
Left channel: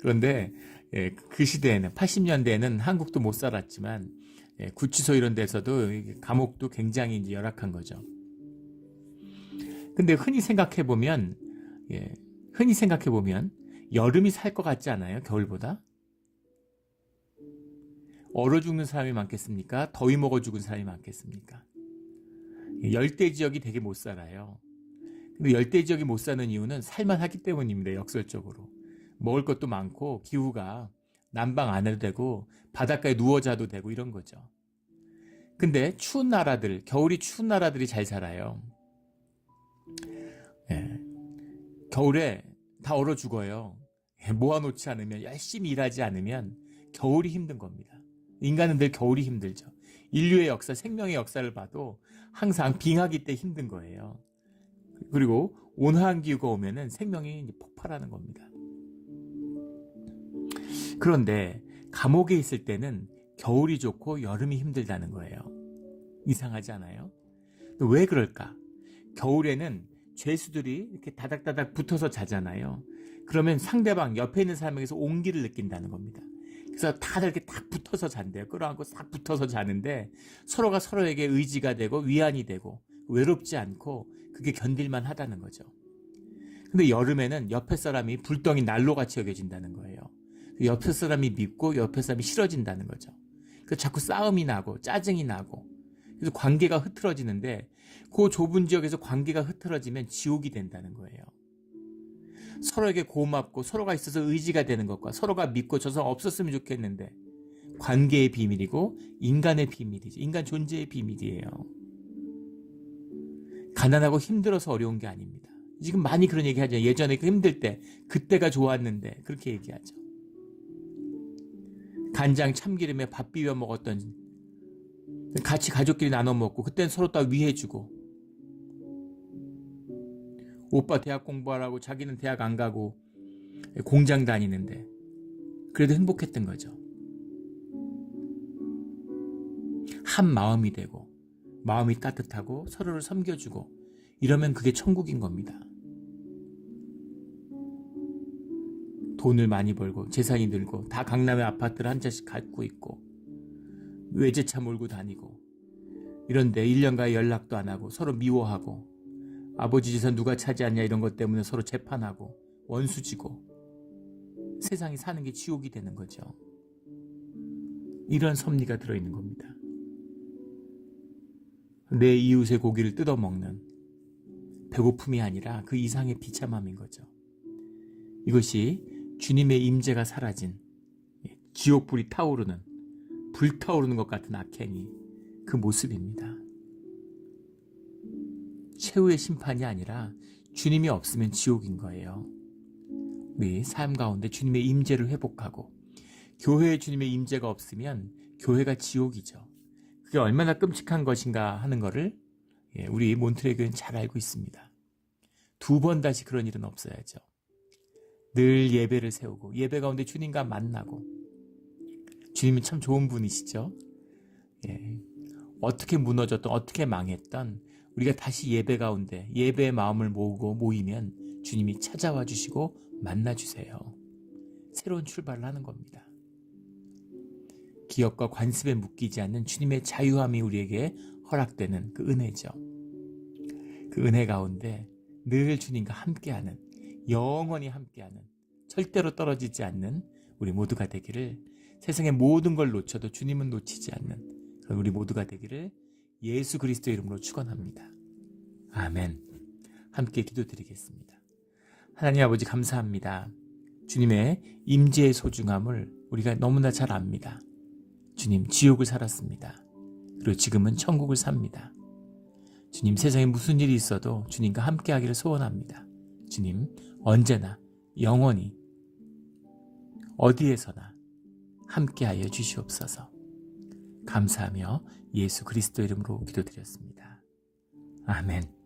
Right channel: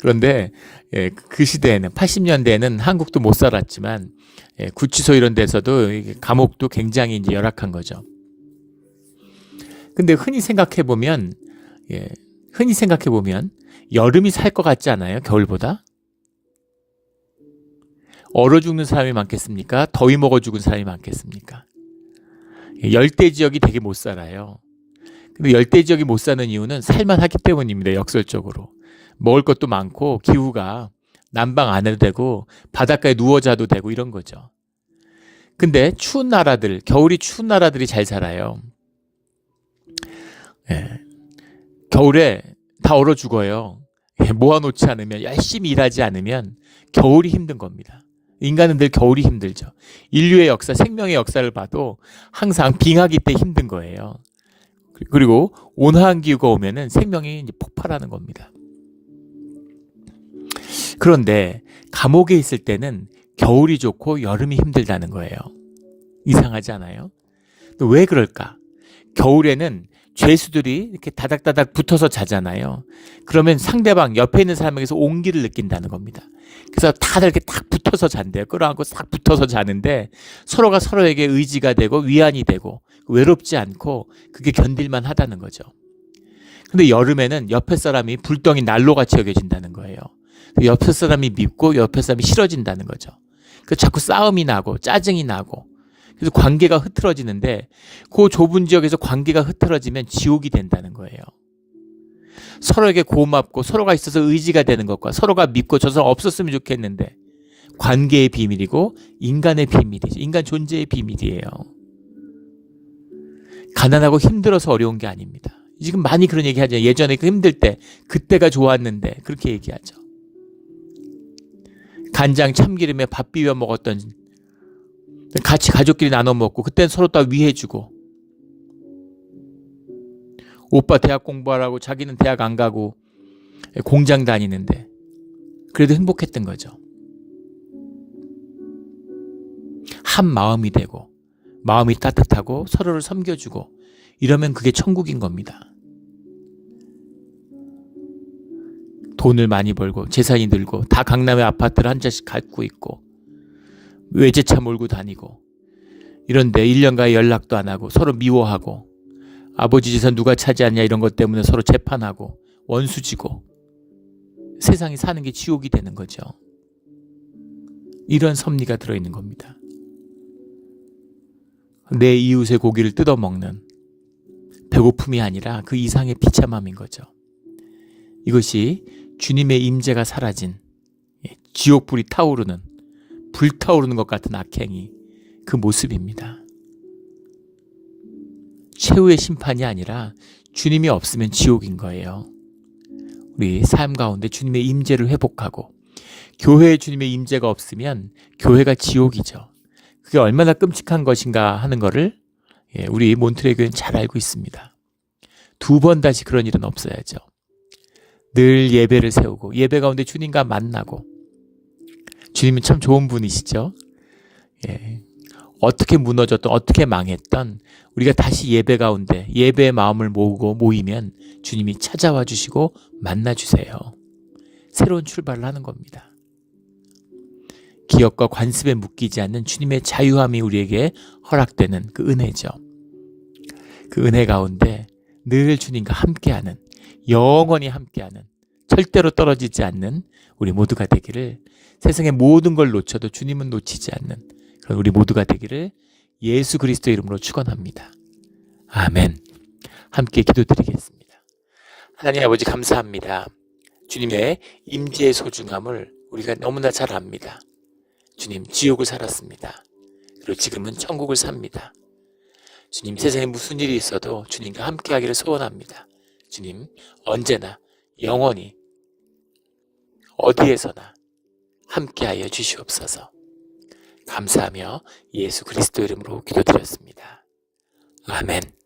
그런데 예, 그 시대에는 80년대에는 한국도 못 살았지만, 예, 구치소 이런 데서도 감옥도 굉장히 이제 열악한 거죠. 근데 흔히 생각해 보면 여름이 살 것 같지 않아요? 겨울보다? 얼어 죽는 사람이 많겠습니까? 더위 먹어 죽은 사람이 많겠습니까? 열대 지역이 되게 못 살아요. 근데 열대 지역이 못 사는 이유는 살만하기 때문입니다. 역설적으로. 먹을 것도 많고 기후가 난방 안 해도 되고 바닷가에 누워 자도 되고 이런 거죠. 근데 추운 나라들, 겨울이 추운 나라들이 잘 살아요. 예. 겨울에 다 얼어 죽어요. 예, 모아놓지 않으면, 열심히 일하지 않으면 겨울이 힘든 겁니다. 인간은 늘 겨울이 힘들죠. 인류의 역사, 생명의 역사를 봐도 항상 빙하기 때 힘든 거예요. 그리고 온화한 기후가 오면은 생명이 이제 폭발하는 겁니다. 그런데 감옥에 있을 때는 겨울이 좋고 여름이 힘들다는 거예요. 이상하지 않아요? 왜 그럴까? 겨울에는 죄수들이 이렇게 다닥다닥 붙어서 자잖아요. 그러면 상대방 옆에 있는 사람에게서 온기를 느낀다는 겁니다. 그래서 다들 이렇게 딱 붙어서 잔대요. 끌어안고 싹 붙어서 자는데 서로가 서로에게 의지가 되고 위안이 되고 외롭지 않고 그게 견딜만 하다는 거죠. 근데 여름에는 옆에 사람이 불덩이 난로같이 여겨진다는 거예요. 옆에 사람이 밉고 옆에 사람이 싫어진다는 거죠. 그래서 자꾸 싸움이 나고 짜증이 나고, 그래서 관계가 흐트러지는데 그 좁은 지역에서 관계가 흐트러지면 지옥이 된다는 거예요. 서로에게 고맙고 서로가 있어서 의지가 되는 것과 서로가 믿고 저 사람 없었으면 좋겠는데, 관계의 비밀이고 인간의 비밀이죠. 인간 존재의 비밀이에요. 가난하고 힘들어서 어려운 게 아닙니다. 지금 많이 그런 얘기 하죠. 예전에 그 힘들 때 그때가 좋았는데 그렇게 얘기하죠. 간장 참기름에 밥 비벼 먹었던, 같이 가족끼리 나눠 먹고 그때는 서로 다 위해주고, 오빠 대학 공부하라고 자기는 대학 안 가고 공장 다니는데 그래도 행복했던 거죠. 한 마음이 되고 마음이 따뜻하고 서로를 섬겨주고 이러면 그게 천국인 겁니다. 돈을 많이 벌고 재산이 늘고 다 강남의 아파트를 한 채씩 갖고 있고 외제차 몰고 다니고 이런데 1년간 연락도 안 하고 서로 미워하고 아버지 재산 누가 차지하냐 이런 것 때문에 서로 재판하고 원수지고 세상에 사는 게 지옥이 되는 거죠. 이런 섭리가 들어있는 겁니다. 내 이웃의 고기를 뜯어먹는 배고픔이 아니라 그 이상의 비참함인 거죠. 이것이 주님의 임재가 사라진 지옥불이 타오르는, 불타오르는 것 같은 악행이 그 모습입니다. 최후의 심판이 아니라 주님이 없으면 지옥인 거예요. 우리 삶 가운데 주님의 임재를 회복하고 교회에 주님의 임재가 없으면 교회가 지옥이죠. 그게 얼마나 끔찍한 것인가 하는 것을 우리 몬트레 교회는 잘 알고 있습니다. 2번 다시 그런 일은 없어야죠. 늘 예배를 세우고 예배 가운데 주님과 만나고, 주님은 참 좋은 분이시죠. 어떻게 무너졌던, 어떻게 망했던 우리가 다시 예배 가운데 예배의 마음을 모으고 모이면 주님이 찾아와 주시고 만나 주세요. 새로운 출발을 하는 겁니다. 기업과 관습에 묶이지 않는 주님의 자유함이 우리에게 허락되는 그 은혜죠. 그 은혜 가운데 늘 주님과 함께하는, 영원히 함께하는, 절대로 떨어지지 않는 우리 모두가 되기를, 세상의 모든 걸 놓쳐도 주님은 놓치지 않는 그런 우리 모두가 되기를 예수 그리스도 이름으로 축원합니다. 아멘. 함께 기도드리겠습니다. 하나님 아버지, 감사합니다. 주님의 임재의 소중함을 우리가 너무나 잘 압니다. 주님, 지옥을 살았습니다. 그리고 지금은 천국을 삽니다. 주님, 세상에 무슨 일이 있어도 주님과 함께하기를 소원합니다. 주님, 언제나 영원히 어디에서나 함께하여 주시옵소서. 감사하며 예수 그리스도 이름으로 기도드렸습니다. 아멘.